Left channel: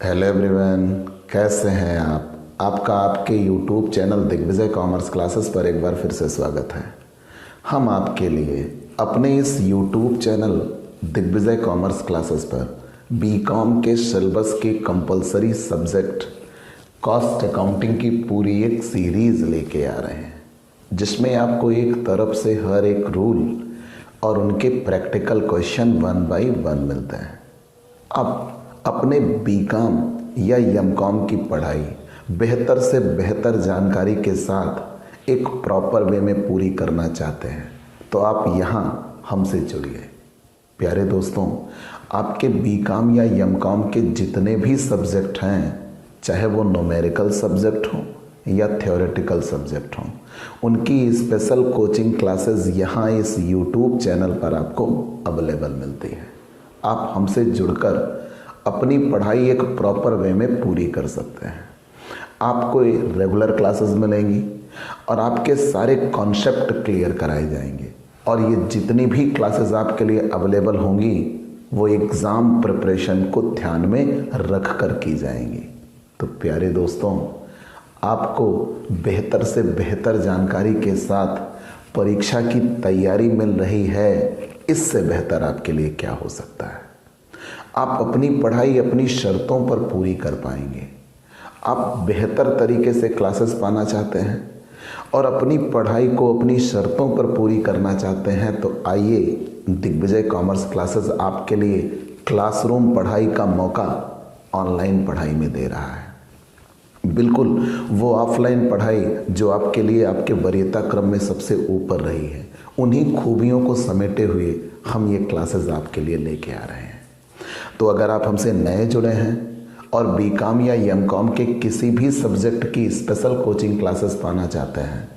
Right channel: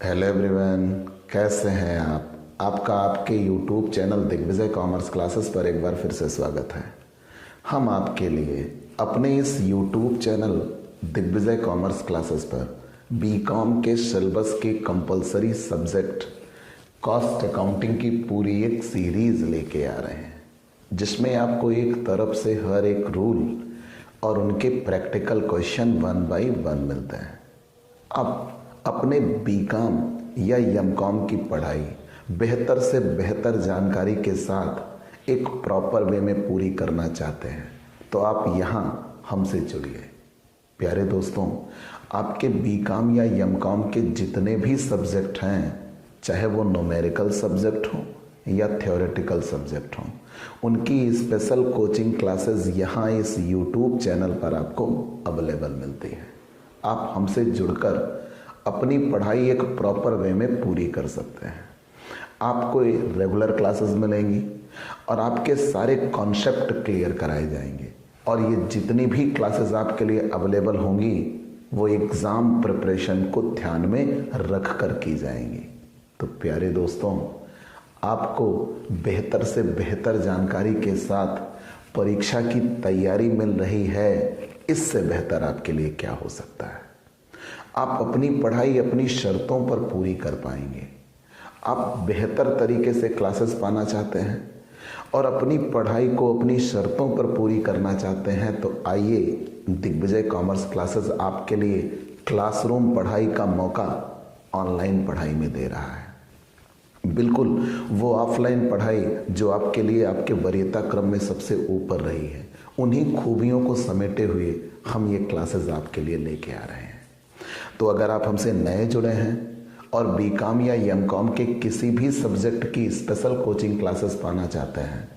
Hello everyone, कैसे हैं आप? आपका आपके YouTube channel Digvijay Commerce Classes पर एक बार फिर से स्वागत है। हम आपके लिए अपने इस YouTube channel Digvijay Commerce Classes पर बीकॉम के सिलेबस के कंपलसरी सब्जेक्ट कॉस्ट अकाउंटिंग की पूरी एक सीरीज लेके आ रहे हैं, जिसमें आपको एक तरफ से हर एक रूल और उनके प्रैक्टिकल क्वेश्चन 1 बाय 1 मिलते हैं। अब अपने बीकॉम या एमकॉम की पढ़ाई बेहतर से बेहतर जानकारी के साथ एक प्रॉपर वे में पूरी करना चाहते हैं तो आप यहाँ हमसे जुड़िए। प्यारे दोस्तों, आपके बीकॉम या एमकॉम के जितने भी सब्जेक्ट हैं, चाहे वो न्यूमेरिकल सब्जेक्ट हो या थ्योरेटिकल सब्जेक्ट हो, उनकी स्पेशल कोचिंग क्लासेस यहाँ इस यूट्यूब चैनल पर आपको अवेलेबल मिलती है। आप हमसे जुड़कर अपनी पढ़ाई एक प्रॉपर वे में पूरी कर सकते हैं। आपको रेगुलर क्लासेस मिलेंगी और आपके सारे कॉन्सेप्ट क्लियर कराए जाएंगे, और ये जितनी भी क्लासेस आपके लिए अवेलेबल होंगी वो एग्ज़ाम प्रिपरेशन को ध्यान में रख कर की जाएंगी। तो प्यारे दोस्तों, आपको बेहतर से बेहतर जानकारी के साथ परीक्षा की तैयारी मिल रही है, इससे बेहतर आपके लिए क्या हो सकता है। आप अपनी पढ़ाई अपनी शर्तों पर पूरी कर पाएंगे। आप बेहतर तरीके से क्लासेस पाना चाहते हैं और अपनी पढ़ाई को अपनी शर्तों पर पूरी करना चाहते हैं, तो आइए, दिग्विजय कॉमर्स क्लासेस आपके लिए क्लासरूम पढ़ाई का मौका ऑनलाइन पढ़ाई में दे रहा है। बिल्कुल वो ऑफलाइन पढ़ाई जो आपके लिए आपके वरीयता क्रम में सबसे ऊपर रही है, उन्हीं खूबियों को समेटे हुए हम ये क्लासेस आपके लिए लेके आ रहे हैं। तो अगर आप हमसे नए जुड़े हैं और बीकॉम या एमकॉम के किसी भी सब्जेक्ट की स्पेशल कोचिंग क्लासेस पाना चाहते हैं,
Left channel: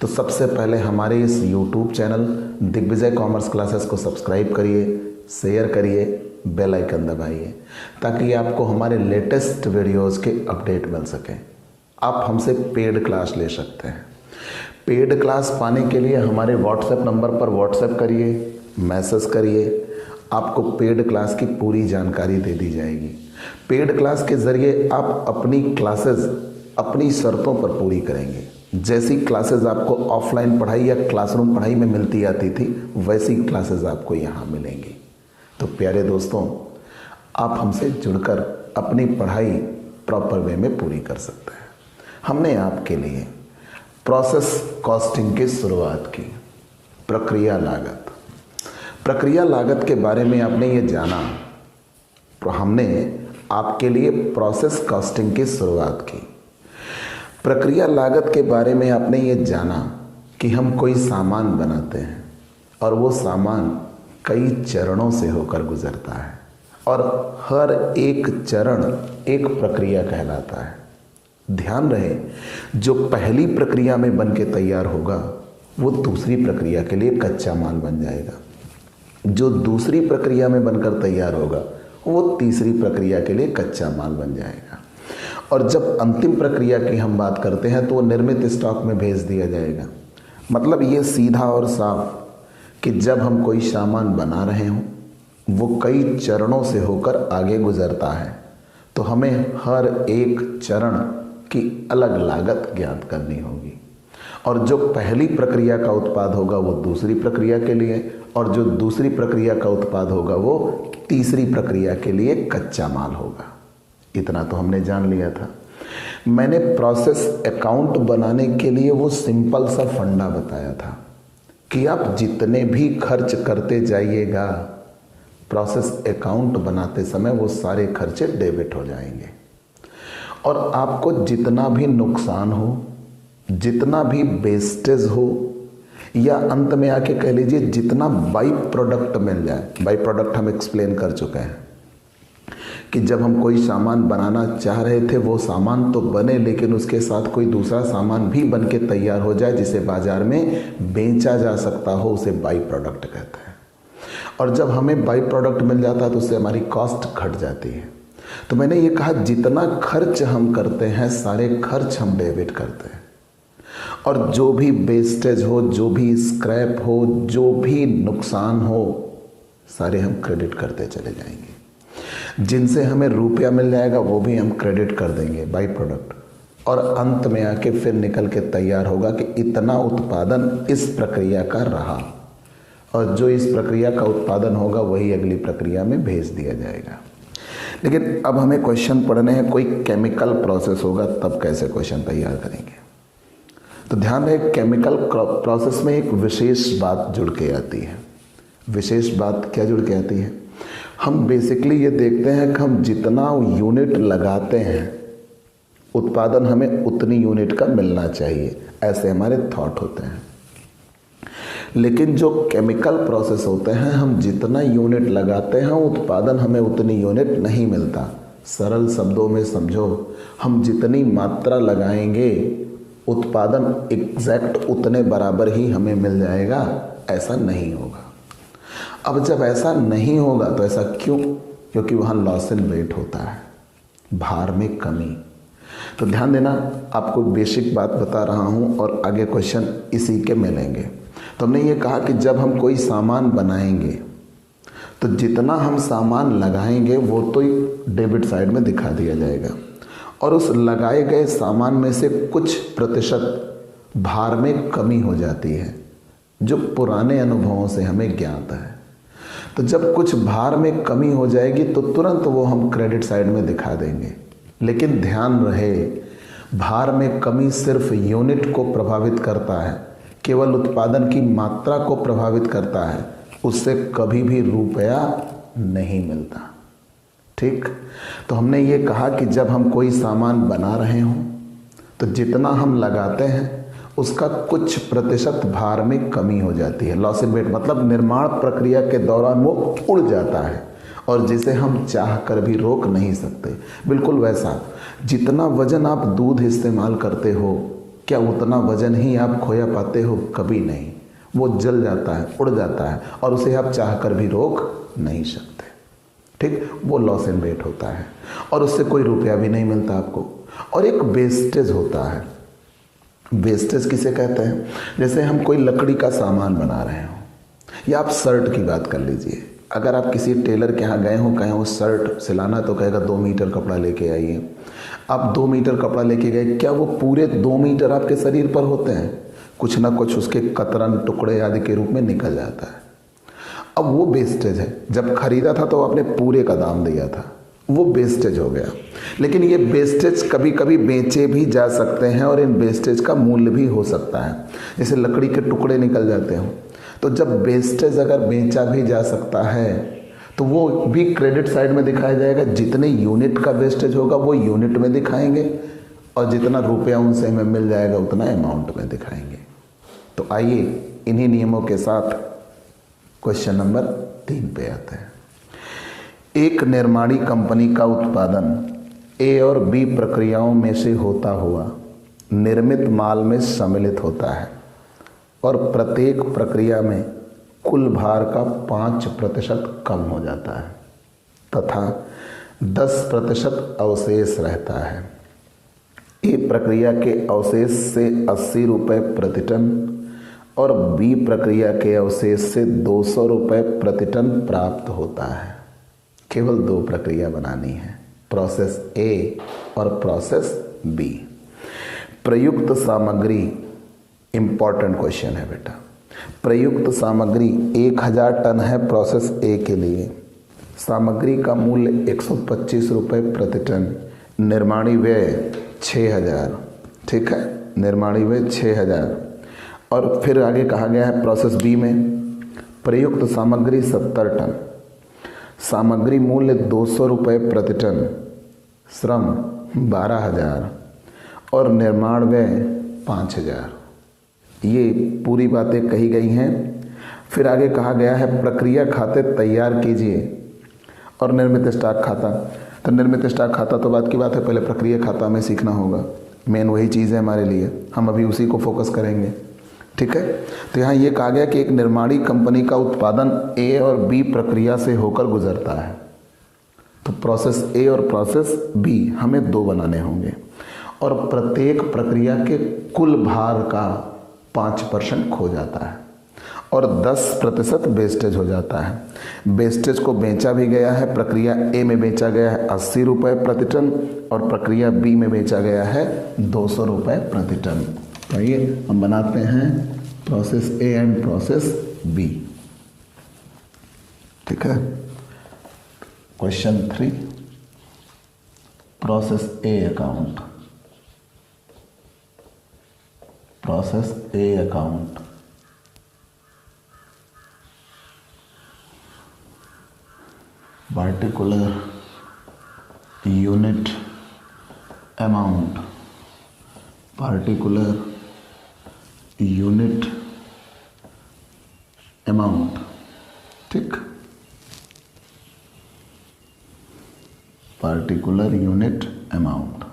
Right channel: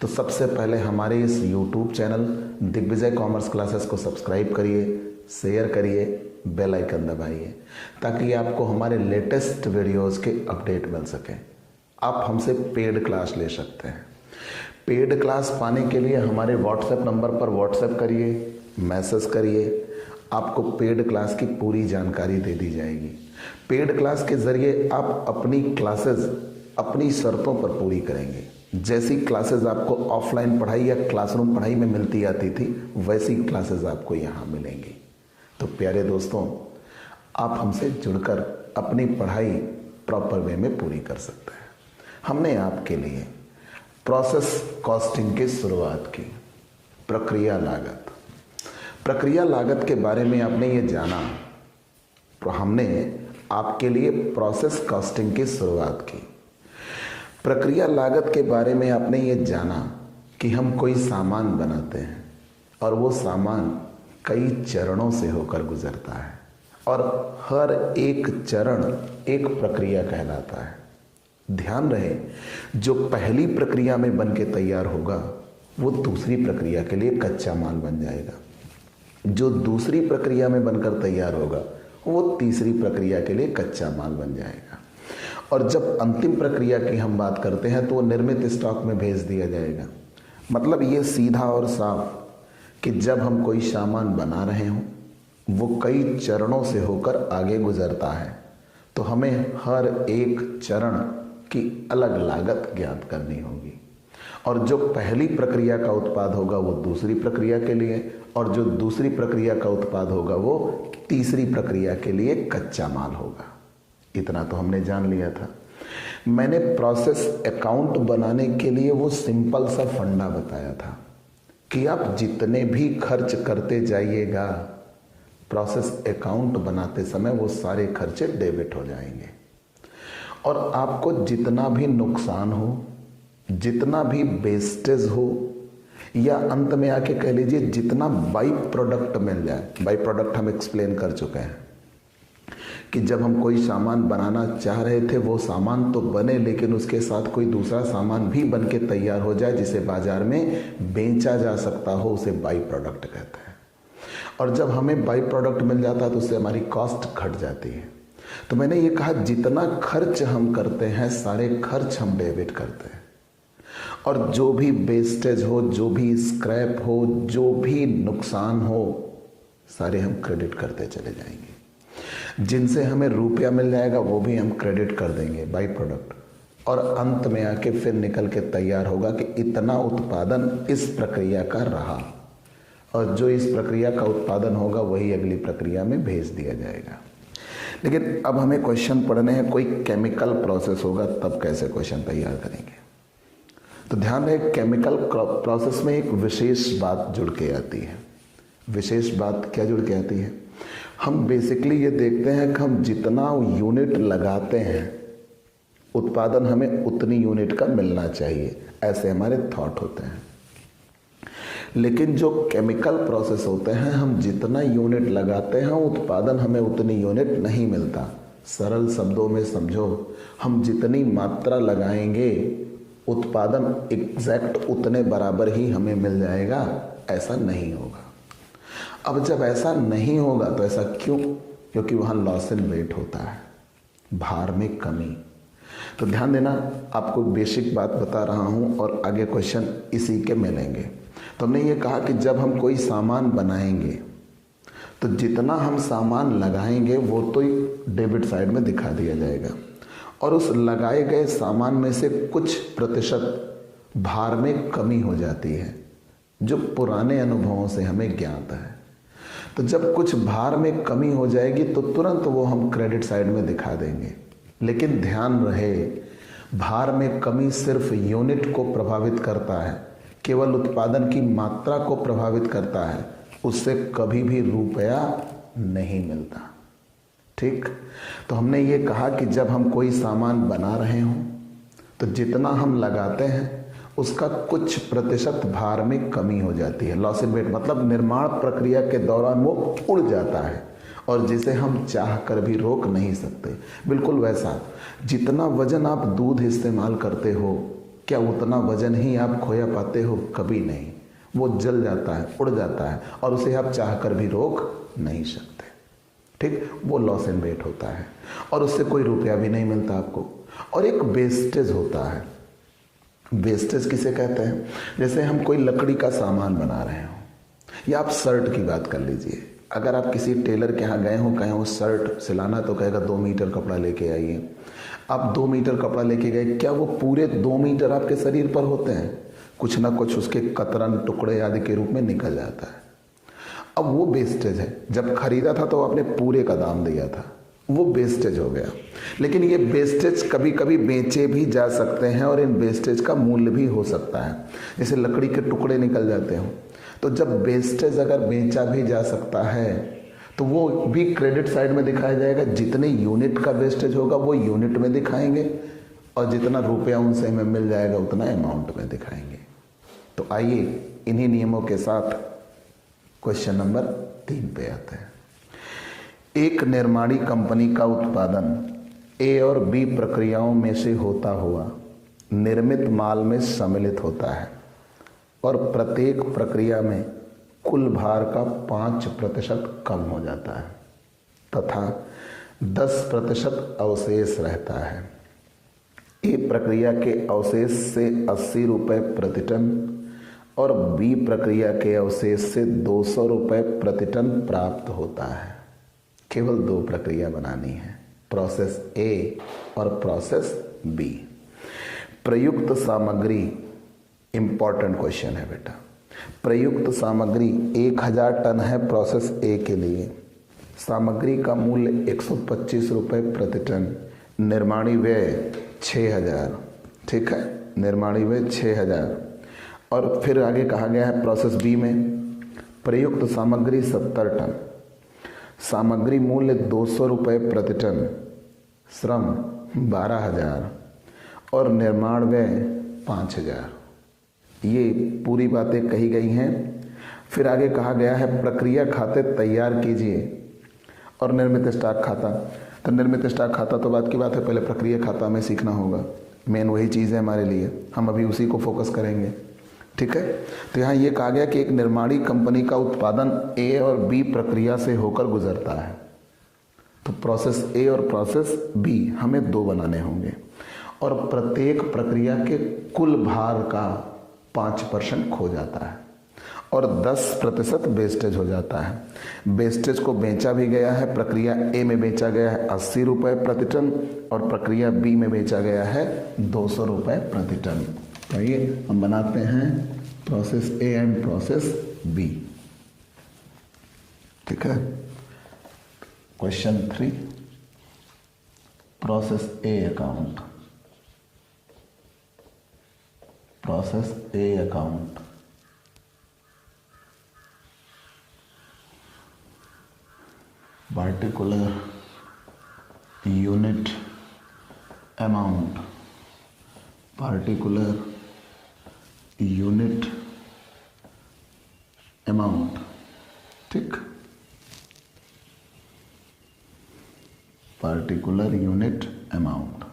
तो सबसे पहले हमारे इस YouTube channel Digvijay Commerce Classes को सब्सक्राइब करिए, शेयर करिए, बेल आइकन दबाइए, ताकि आपको हमारे लेटेस्ट वीडियोस के अपडेट मिल सके। आप हमसे पेड क्लास ले सकते हैं। पेड क्लास पाने के लिए हमारे व्हाट्सएप नंबर पर व्हाट्सएप करिए, मैसेज करिए, आपको पेड क्लास की पूरी जानकारी दे दी जाएगी। पेड क्लास के ज़रिए आप अपनी क्लासेस अपनी शर्तों पर पूरी करेंगे। जैसी क्लासेस आपको ऑफलाइन पढ़ाई या क्लासरूम पढ़ाई में मिलती आती थी, वैसी क्लासेस आपको यहाँ मिलेंगी। तो प्यारे दोस्तों, आप हमसे जुड़कर अपनी पढ़ाई प्रॉपर वे में पूरी कर सकते हैं। हमने आपके लिए प्रोसेस कॉस्टिंग की शुरुआत की। प्रक्रिया लागत के बारे में आपने ये जाना, तो हमने आपके लिए प्रोसेस कॉस्टिंग की शुरुआत की। प्रक्रिया लागत के बारे में आपने ये जाना कि हम कोई सामान बनाते हैं और वो सामान कई चरणों से होकर गुजरता है, और हर एक चरण एक प्रक्रिया कहलाता है। ध्यान रहे, जो पहली प्रक्रिया में बन के तैयार होगा वो दूसरी प्रक्रिया के लिए कच्चा माल बन जाएगा। जो दूसरी प्रक्रिया में बनकर तैयार होगा वो तीसरी प्रक्रिया के लिए कच्चा माल बन जाएगा, और जब अंतिम प्रक्रिया की हम बात करते हैं तो वो निर्मित स्टॉक में भेज दिया जाएगा। मतलब ये सीधा और साफ कि जब हम कोई सामान बना रहे हों, वो कई चरणों से होकर आगे गुजरता है, तो हमें हर एक चरण की अलग लागत ज्ञात करनी होगी, और जो पहली प्रक्रिया का उत्पाद होगा वो दूसरी प्रक्रिया के लिए, और जो दूसरी प्रक्रिया का उत्पाद होगा वो तीसरी प्रक्रिया के लिए कच्चा माल होगा। इतना तो हमने जान लिया था। मैंने प्रोसेस अकाउंट बनाने के लिए वो सिंपल सा फंडा बताया था कि आप जितने भी खर्च करते जाइएगा, प्रोसेस अकाउंट बनाते समय वो सारे खर्चे डेबिट हो जाएंगे, और आपको जितना भी नुकसान हो, जितना भी वेस्टेज हो, या अंत में आके कह लीजिए जितना बाई प्रोडक्ट मिल जाए। बाई प्रोडक्ट हम एक्सप्लेन कर चुके हैं कि जब हम कोई सामान बनाना चाह रहे थे, वो सामान तो बने, लेकिन उसके साथ कोई दूसरा सामान भी बन के तैयार हो जाए जिसे बाजार में बेचा जा सकता हो, उसे बाई प्रोडक्ट कहते हैं। और जब हमें बाई प्रोडक्ट मिल जाता है तो उससे हमारी कॉस्ट घट जाती है। तो मैंने ये कहा, जितना खर्च हम करते हैं सारे खर्च हम डेबिट करते हैं, और जो भी वेस्टेज हो, जो भी स्क्रैप हो, जो भी नुकसान हो, सारे हम क्रेडिट करते चले जाएंगे। जिनसे हमें रुपया मिल जाएगा वो भी हम क्रेडिट कर देंगे बाई प्रोडक्ट, और अंत में आके फिर निकल के तैयार होगा कि इतना उत्पादन इस प्रक्रिया का रहा, और जो इस प्रक्रिया का उत्पादन होगा वही अगली प्रक्रिया में भेज दिया जाएगा। लेकिन अब हमें क्वेश्चन पढ़ने हैं, कोई केमिकल प्रोसेस होगा तब कैसे क्वेश्चन तैयार करेंगे। तो ध्यान रहे, केमिकल प्रोसेस में एक विशेष बात जुड़ के आती है। विशेष बात क्या जुड़ के आती है? हम बेसिकली ये देखते हैं कि हम जितना यूनिट लगाते हैं उत्पादन हमें उतनी यूनिट का मिलना चाहिए, ऐसे हमारे थॉट होते हैं। लेकिन जो केमिकल प्रोसेस होते हैं, हम जितना यूनिट लगाते हैं उत्पादन हमें उतनी यूनिट नहीं मिलता। सरल शब्दों में समझो, हम जितनी मात्रा लगाएंगे उत्पादन एग्जैक्ट उतने बराबर ही हमें मिल जाएगा, ऐसा नहीं होगा। अब जब ऐसा नहीं होगा तो ऐसा क्यों? क्योंकि वहाँ लॉस इन वेट होता है, भार में कमी। तो ध्यान देना, आपको बेसिक बात बता रहा हूँ और आगे क्वेश्चन इसी के मिलेंगे। तो हमने ये कहा कि जब हम कोई सामान बनाएंगे तो जितना हम सामान लगाएंगे वो तो डेबिट साइड में दिखा दिया जाएगा, और उस लगाए गए सामान में से कुछ प्रतिशत भार में कमी हो जाती है, जो पुराने अनुभवों से हमें ज्ञात है। तो जब कुछ भार में कमी हो जाएगी तो तुरंत वो हम क्रेडिट साइड में दिखा देंगे। लेकिन ध्यान रहे, भार में कमी सिर्फ यूनिट को प्रभावित करता है, केवल उत्पादन की मात्रा को प्रभावित करता है, उससे कभी भी रुपया नहीं मिलता। ठीक, तो हमने ये कहा कि जब हम कोई सामान बना रहे हों तो जितना हम लगाते हैं उसका कुछ प्रतिशत भार में कमी हो जाती है। लॉस इन वेट मतलब निर्माण प्रक्रिया के दौरान वो उड़ जाता है, और जिसे हम चाह कर भी रोक नहीं सकते। बिल्कुल वैसा, जितना वजन आप दूध इस्तेमाल करते हो, क्या उतना वजन ही आप खोया पाते हो? कभी नहीं। वो जल जाता है, उड़ जाता है, और उसे आप चाह कर भी रोक नहीं सकते। ठीक, वो लॉस इन वेट होता है, और उससे कोई रुपया भी नहीं मिलता आपको। और एक वेस्टेज होता है। वेस्टेज किसे कहते हैं? जैसे हम कोई लकड़ी का सामान बना रहे हो, या आप शर्ट की बात कर लीजिए। अगर आप किसी टेलर के यहाँ गए हो, कहें वो शर्ट सिलाना, तो कहेगा 2 मीटर कपड़ा लेके आइए। आप 2 मीटर कपड़ा लेके गए, क्या वो पूरे 2 मीटर आपके शरीर पर होते हैं? कुछ ना कुछ उसके कतरन टुकड़े आदि के रूप में निकल जाता है। अब वो वेस्टेज है। जब खरीदा था तो आपने पूरे का दाम दिया था, वो वेस्टेज हो गया। लेकिन ये वेस्टेज कभी कभी बेचे भी जा सकते हैं, और इन वेस्टेज का मूल्य भी हो सकता है। जैसे लकड़ी के टुकड़े निकल जाते हो, तो जब वेस्टेज अगर बेचा भी जा सकता है तो वो भी क्रेडिट साइड में दिखाया जाएगा। जितने यूनिट का वेस्टेज होगा वो यूनिट में दिखाएंगे, और जितना रुपया उनसे हमें मिल जाएगा उतना अमाउंट में दिखाएंगे। तो आइए इन्हीं नियमों के साथ क्वेश्चन नंबर 3 पे आते हैं। एक निर्माणी कंपनी का उत्पादन ए और बी प्रक्रियाओं में से होता हुआ निर्मित माल में सम्मिलित होता है, और प्रत्येक प्रक्रिया में कुल भार का 5% कम हो जाता है, तथा 10% अवशेष रहता है। ए प्रक्रिया के अवशेष से 80 रुपये प्रति टन और बी प्रक्रिया के अवशेष से 200 रुपये प्रति टन प्राप्त होता है। केवल 2 प्रक्रिया बनानी है, प्रोसेस ए और प्रोसेस बी। प्रयुक्त सामग्री, इंपॉर्टेंट क्वेश्चन है बेटा। प्रयुक्त सामग्री 1000 टन है प्रोसेस ए के लिए। सामग्री का मूल्य 125 रुपये प्रति टन। निर्माणी व्यय 6000। ठीक है, निर्माणी व्यय 6000। और फिर आगे कहा गया है प्रोसेस बी में प्रयुक्त सामग्री 70 टन, सामग्री मूल्य 200 रुपये प्रति टन, श्रम 12000 और निर्माण व्यय 5000। ये पूरी बातें कही गई हैं। फिर आगे कहा गया है प्रक्रिया खाते तैयार कीजिए और निर्मित स्टॉक खाता। तो निर्मित स्टॉक खाता तो बात की बात है, पहले प्रक्रिया खाता में सीखना होगा। मेन वही चीज़ है हमारे लिए, हम अभी उसी को फोकस करेंगे। ठीक है, तो यहाँ ये कहा गया कि एक निर्माणी कंपनी का उत्पादन ए और बी प्रक्रिया से होकर गुजरता है। तो प्रोसेस ए और प्रोसेस बी हमें 2 बनाने होंगे, और प्रत्येक प्रक्रिया के कुल भार का 5% खो जाता है, और 10% वेस्टेज हो जाता है। वेस्टेज को बेचा भी गया है, प्रक्रिया ए में बेचा गया है 80 रुपये प्रति टन और प्रक्रिया बी में बेचा गया है 200 रुपये प्रति टन। तो आइए हम बनाते हैं process A and process B. ठीक है, question 3, process A account. Process A account, particular unit amount, particular unit amount। ठीक, particular unit amount,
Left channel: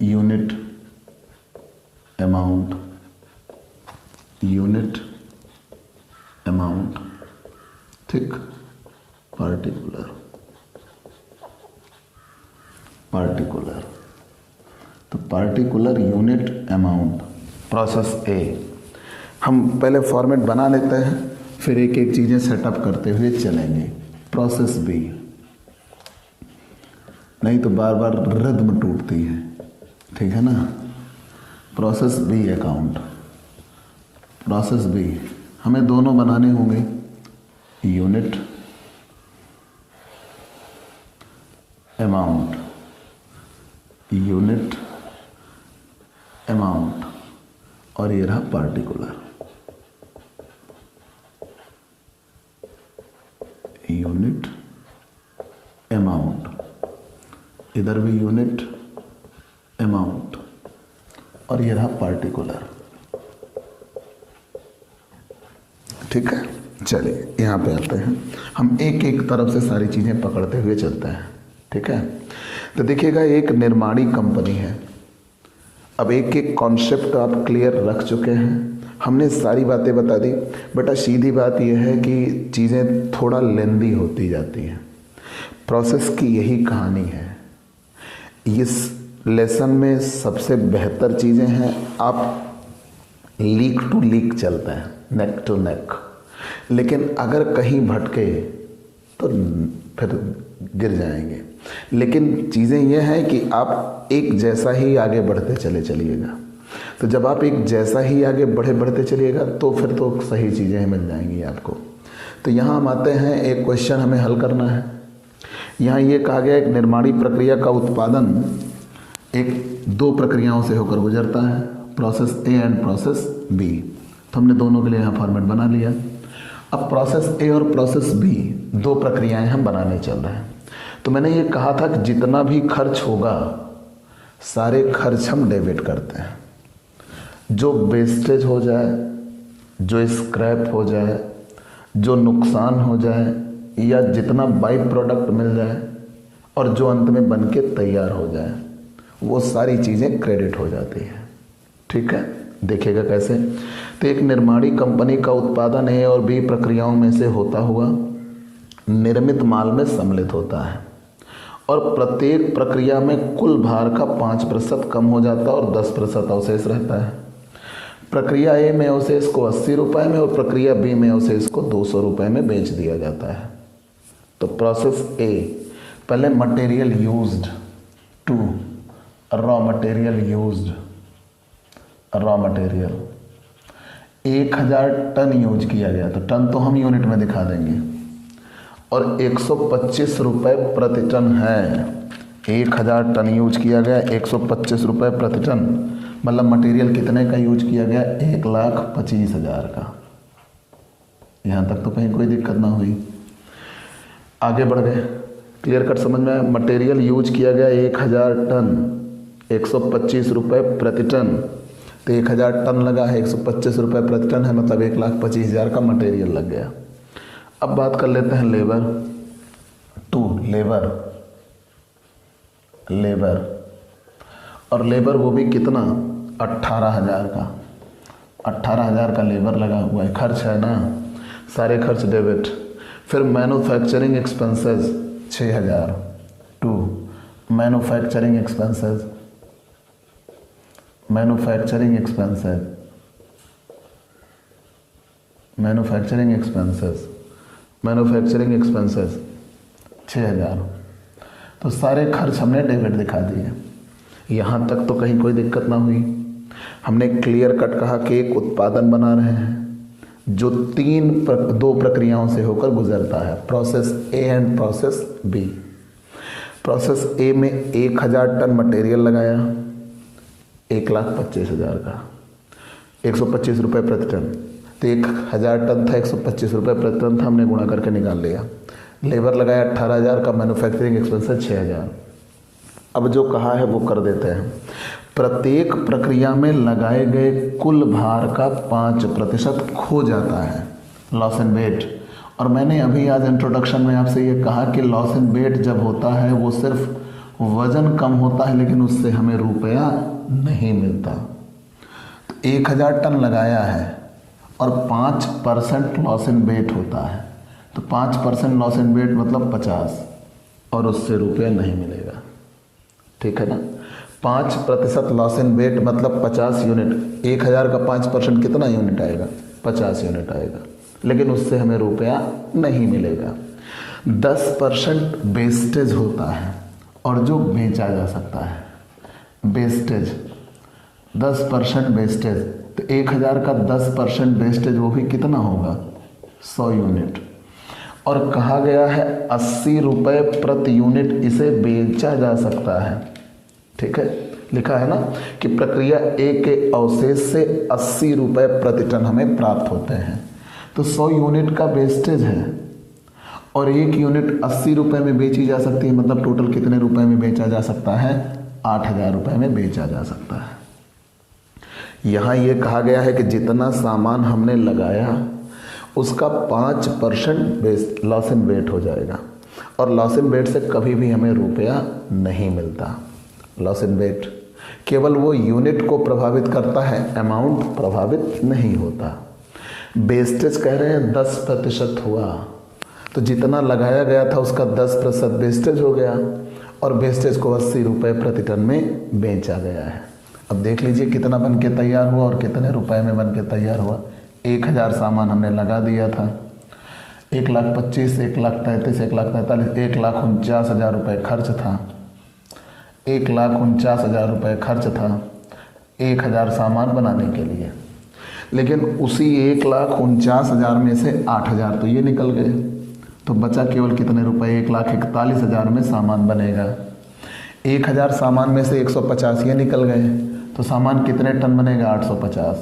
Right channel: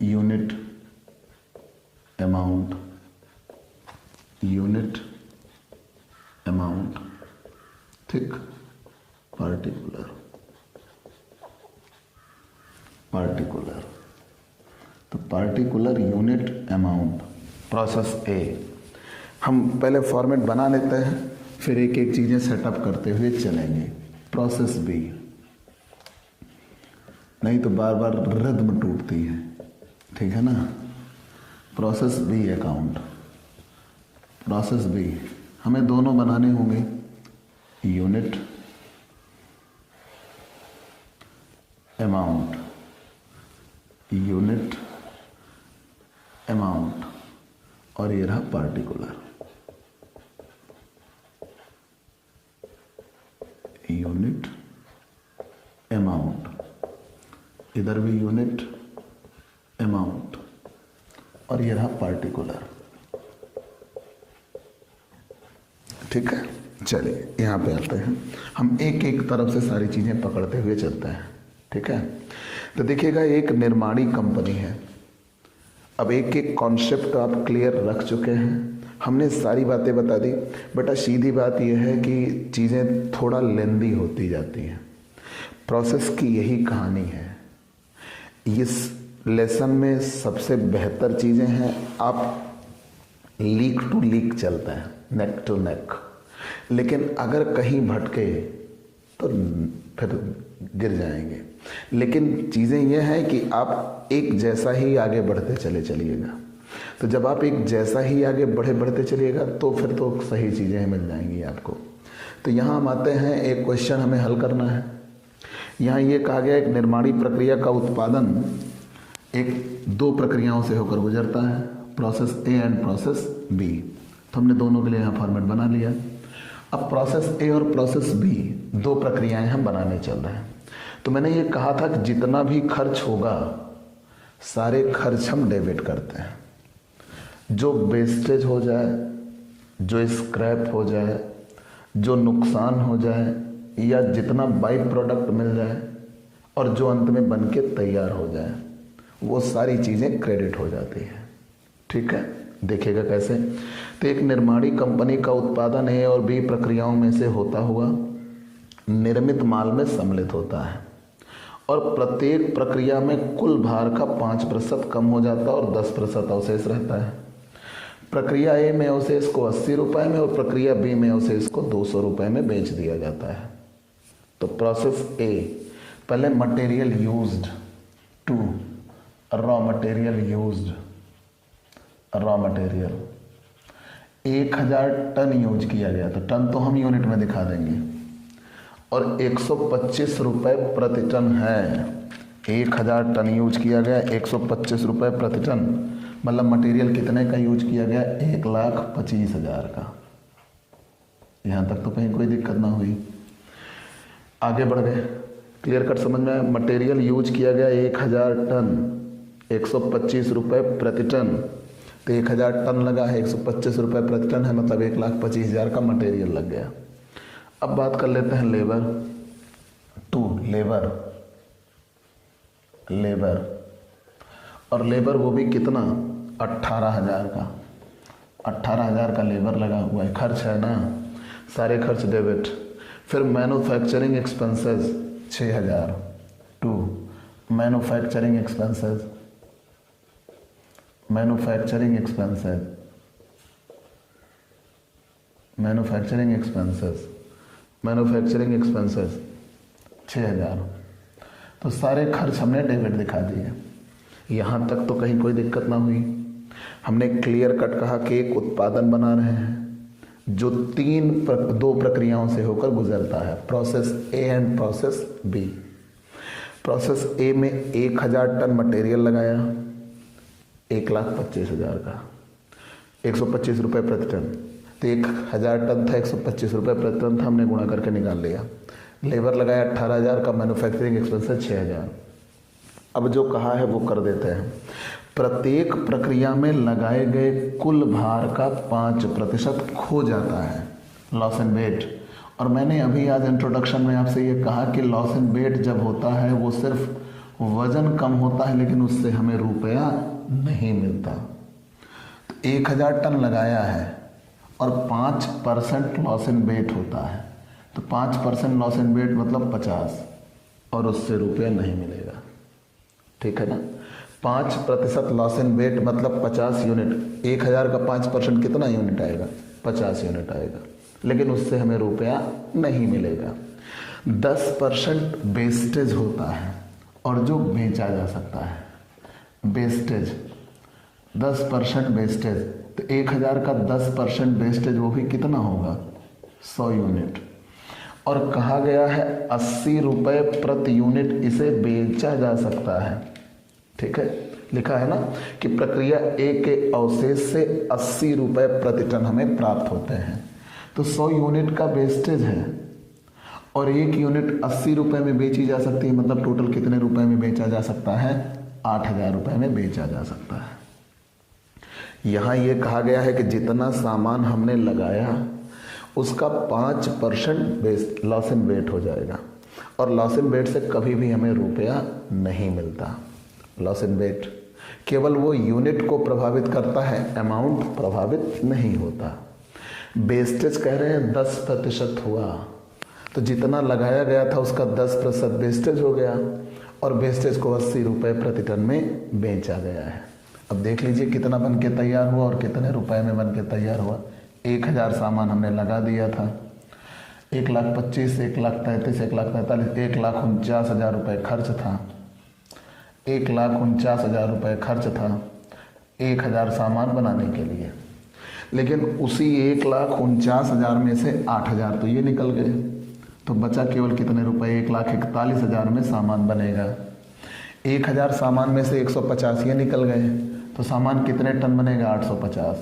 unit amount, unit amount। ठीक, पार्टिकुलर, पार्टिकुलर, तो पार्टिकुलर यूनिट अमाउंट प्रोसेस ए। हम पहले format बना लेते हैं, फिर एक एक चीजें सेटअप करते हुए चलेंगे। प्रोसेस बी, नहीं तो बार बार रिद्म टूटती है। ठीक है ना। Process B account, process B हमें दोनों बनाने होंगे, यूनिट अमाउंट, यूनिट अमाउंट, और ये रहा पार्टिकुलर, यूनिट अमाउंट, इधर भी यूनिट अमाउंट, और ये रहा पार्टिकुलर। ठीक है, चलिए यहाँ पे आते हैं। हम एक एक तरफ से सारी चीजें पकड़ते हुए चलते हैं। ठीक है, तो देखिएगा एक निर्माणी कंपनी है। अब एक एक कॉन्सेप्ट आप क्लियर रख चुके हैं, हमने सारी बातें बता दी। बेटा सीधी बात यह है कि चीजें थोड़ा लेंदी होती जाती हैं, प्रोसेस की यही कहानी है। इस लेसन में सबसे बेहतर चीजें हैं, आप लीक टू लीक चलते हैं, नेक टू नेक। लेकिन अगर कहीं भटके तो फिर गिर जाएंगे। लेकिन चीज़ें यह हैं कि आप एक जैसा ही आगे बढ़ते चले चलिएगा। तो जब आप एक जैसा ही आगे बढ़ते चलिएगा तो फिर तो सही चीज़ें मिल जाएंगी आपको। तो यहाँ हम आते हैं, एक क्वेश्चन हमें हल करना है। यहाँ ये कहा गया एक निर्माणी प्रक्रिया का उत्पादन एक दो प्रक्रियाओं से होकर गुजरता है, process A and process B. तो हमने दोनों के लिए यहाँ फॉर्मेट बना लिया। अब प्रोसेस ए और प्रोसेस बी दो प्रक्रियाएं हम बनाने चल रहे हैं। तो मैंने ये कहा था कि जितना भी खर्च होगा सारे खर्च हम डेबिट करते हैं। जो वेस्टेज हो जाए, जो स्क्रैप हो जाए, जो नुकसान हो जाए, या जितना बाई प्रोडक्ट मिल जाए और जो अंत में बन के तैयार हो जाए, वो सारी चीज़ें क्रेडिट हो जाती है। ठीक है, देखिएगा कैसे। तो एक निर्माणी कंपनी का उत्पादन ए और बी प्रक्रियाओं में से होता हुआ निर्मित माल में सम्मिलित होता है और प्रत्येक प्रक्रिया में कुल भार का 5% कम हो जाता है और 10% अवशेष रहता है। प्रक्रिया ए में अवशेष को 80 रुपये में और प्रक्रिया बी में अवशेष को 200 रुपये में बेच दिया जाता है। तो प्रोसेस ए, पहले material used to raw material used, raw material 1000 ton use किया गया, तो टन तो हम यूनिट में दिखा देंगे, और 125 रुपये प्रति टन है। 1000 टन यूज किया गया, 125 रुपये प्रति टन, मतलब मटेरियल कितने का यूज किया गया? 1,25,000 का। यहाँ तक तो कहीं कोई दिक्कत ना हुई। आगे बढ़ गए, क्लियर कट समझ में आया। मटेरियल यूज किया गया 1000 टन, 125 रुपये प्रति टन, तो 1000 टन लगा है, 125 रुपये प्रति टन है, मतलब 1,25,000 का मटेरियल लग गया। अब बात कर लेते हैं लेबर टू, लेबर, लेबर, और लेबर वो भी कितना? 18,000 का, 18,000 का लेबर लगा हुआ है, खर्च है ना, सारे खर्च डेबिट। फिर manufacturing expenses 6,000 to manufacturing expenses, manufacturing expenses manufacturing expenses 6,000। तो सारे खर्च हमने डेबिट दिखा दिए। यहाँ तक तो कहीं कोई दिक्कत ना हुई। हमने क्लियर कट कहा कि एक उत्पादन बना रहे हैं जो दो प्रक्रियाओं से होकर गुजरता है, process A and process B. Process A में 1,000 टन मटेरियल लगाया, 1,25,000 का, 125 रुपये प्रति टन। तो 1,000 टन था, 125 रुपये प्रति टन था, हमने गुणा करके निकाल लिया। लेबर लगाया 18,000 का, मैन्युफैक्चरिंग एक्सपेंसेस 6,000। अब जो कहा है वो कर देते हैं। प्रत्येक प्रक्रिया में लगाए गए कुल भार का 5% खो जाता है, लॉस एंड वेट। और मैंने अभी आज इंट्रोडक्शन में आपसे ये कहा कि लॉस एंड वेट जब होता है वो सिर्फ वजन कम होता है, लेकिन उससे हमें रुपया नहीं मिलता। तो 1,000 टन लगाया है और 5% लॉस एंड वेट होता है, तो 5% लॉस एंड वेट मतलब 50, और उससे रुपया नहीं मिलेगा। ठीक है ना। 5% लॉस इन वेट मतलब 50 यूनिट। 1,000 का 5% कितना यूनिट आएगा? 50 यूनिट आएगा, लेकिन उससे हमें रुपया नहीं मिलेगा। 10% वेस्टेज होता है और जो बेचा जा सकता है, वेस्टेज 10% वेस्टेज। तो 1,000 का 10% वेस्टेज वो भी कितना होगा? 100 यूनिट। और कहा गया है 80 रुपये प्रति यूनिट इसे बेचा जा सकता है। ठीक है, लिखा है ना कि प्रक्रिया ए के अवशेष से 80 रुपये प्रति टन हमें प्राप्त होते हैं। तो 100 यूनिट का वेस्टेज है और 1 यूनिट 80 रुपये में बेची जा सकती है, मतलब टोटल कितने रुपए में बेचा जा सकता है? 8,000 रुपये में बेचा जा सकता है। यहाँ ये कहा गया है कि जितना सामान हमने लगाया उसका 5% लॉस इन वेट हो जाएगा, और लॉस इन वेट से कभी भी हमें रुपया नहीं मिलता। लॉस इन वेट केवल वो यूनिट को प्रभावित करता है, अमाउंट प्रभावित नहीं होता। वेस्टेज कह रहे हैं 10% हुआ, तो जितना लगाया गया था उसका 10% वेस्टेज हो गया, और वेस्टेज को 80 रुपये प्रति टन में बेचा गया है। अब देख लीजिए कितना बन के तैयार हुआ और कितने रुपए में बन के तैयार हुआ। 1,000 सामान हमने लगा दिया था, 1,25,000, 1,33,000, 1,43,000, 1,49,000 रुपये खर्च था। 1,49,000 रुपये खर्च था 1,000 सामान बनाने के लिए, लेकिन उसी 1,49,000 में से 8,000 तो ये निकल गए, तो बचा केवल कितने रुपए? 1,41,000 में सामान बनेगा। 1,000 सामान में से 150 ये निकल गए, तो सामान कितने टन बनेगा? 850।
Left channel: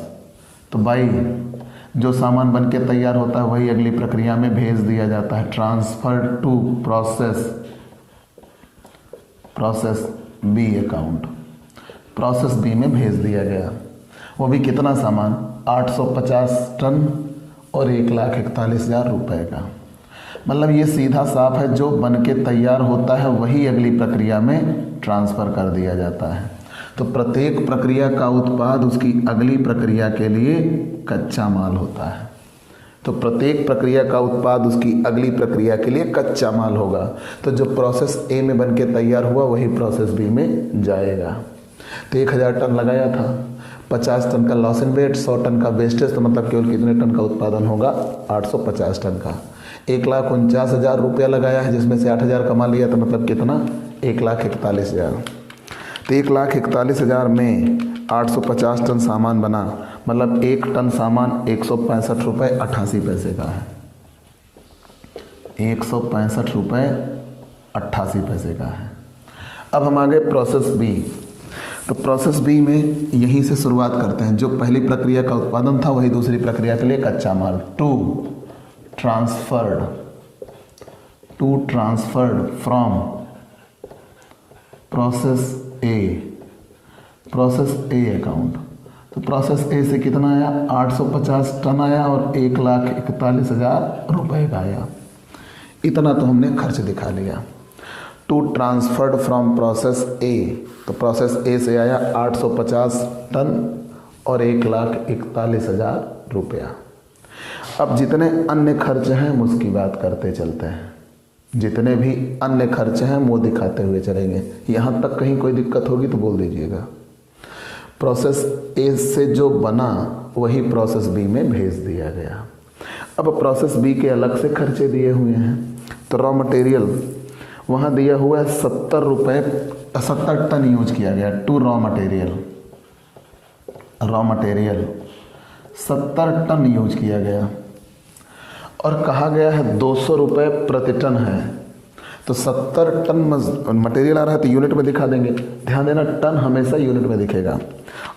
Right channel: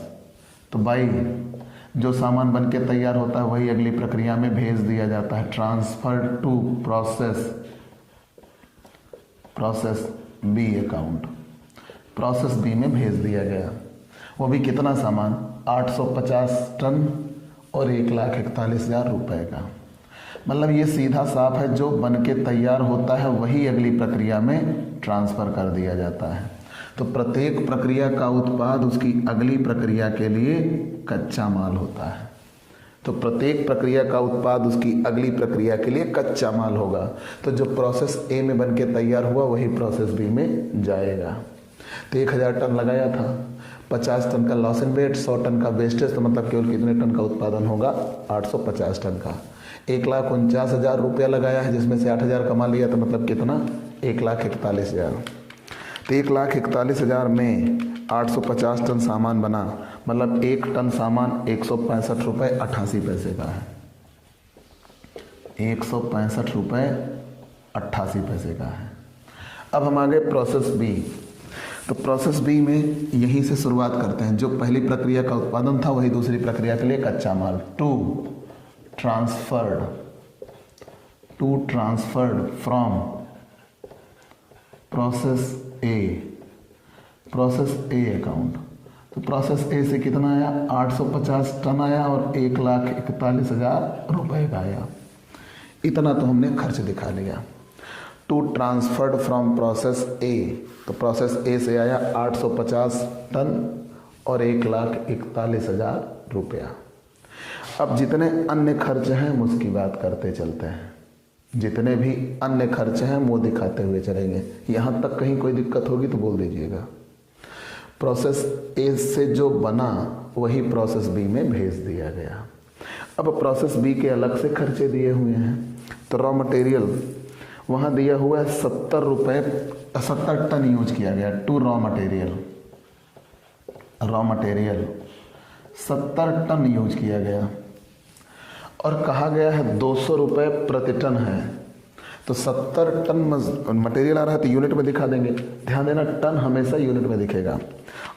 तो भाई जो सामान बन के तैयार होता है वही अगली प्रक्रिया में भेज दिया जाता है, transfer to process B account. Process B में भेज दिया गया। वो भी कितना सामान? 850 टन और 1,41,000 रुपये का। मतलब ये सीधा साफ है, जो बन के तैयार होता है वही अगली प्रक्रिया में ट्रांसफ़र कर दिया जाता है। तो प्रत्येक प्रक्रिया का उत्पाद उसकी अगली प्रक्रिया के लिए कच्चा माल होता है। तो प्रत्येक प्रक्रिया का उत्पाद उसकी अगली प्रक्रिया के लिए कच्चा माल होगा। तो जो प्रोसेस ए में बन के तैयार हुआ वही प्रोसेस बी में जाएगा। तो 1,000 टन लगाया था, 50 टन का लॉस इन वेट, 100 टन का वेस्टेज, तो मतलब केवल कितने टन का उत्पादन होगा? 850 टन का। 1,49,000 रुपया लगाया है, जिसमें से 8,000 कमा लिया, तो मतलब कितना? 1,41,000। तो 1,41,000 में 850 टन सामान बना, मतलब 1 टन सामान 165 रुपये 88 पैसे का है। 165 रुपये 88 पैसे का है। अब हम आगे प्रोसेस बी। तो प्रोसेस बी में यहीं से शुरुआत करते हैं। जो पहली प्रक्रिया का उत्पादन था वही दूसरी प्रक्रिया के लिए कच्चा माल। To transferred from process A account. तो प्रोसेस ए से कितना आया? 850 टन आया और 1,41,000 रुपये का आया। इतना तो हमने खर्च दिखा लिया। To transferred from process A, तो प्रोसेस ए से आया 850 टन और 1,41,000 रुपया। अब जितने अन्य खर्च हैं हम उसकी बात करते चलते हैं। जितने भी अन्य खर्च हैं वो दिखाते हुए चलेंगे। यहाँ तक कहीं कोई दिक्कत होगी तो बोल दीजिएगा। प्रोसेस ए से जो बना वही प्रोसेस बी में भेज दिया गया। अब प्रोसेस बी के अलग से खर्चे दिए हुए हैं। तो रॉ मटेरियल वहाँ दिया हुआ है 70 टन यूज किया गया to raw material 70 ton use किया गया और कहा गया है 200 रुपये प्रति टन है। तो 70 टन मटेरियल आ रहा है तो यूनिट में दिखा देंगे। ध्यान देना, टन हमेशा यूनिट में दिखेगा।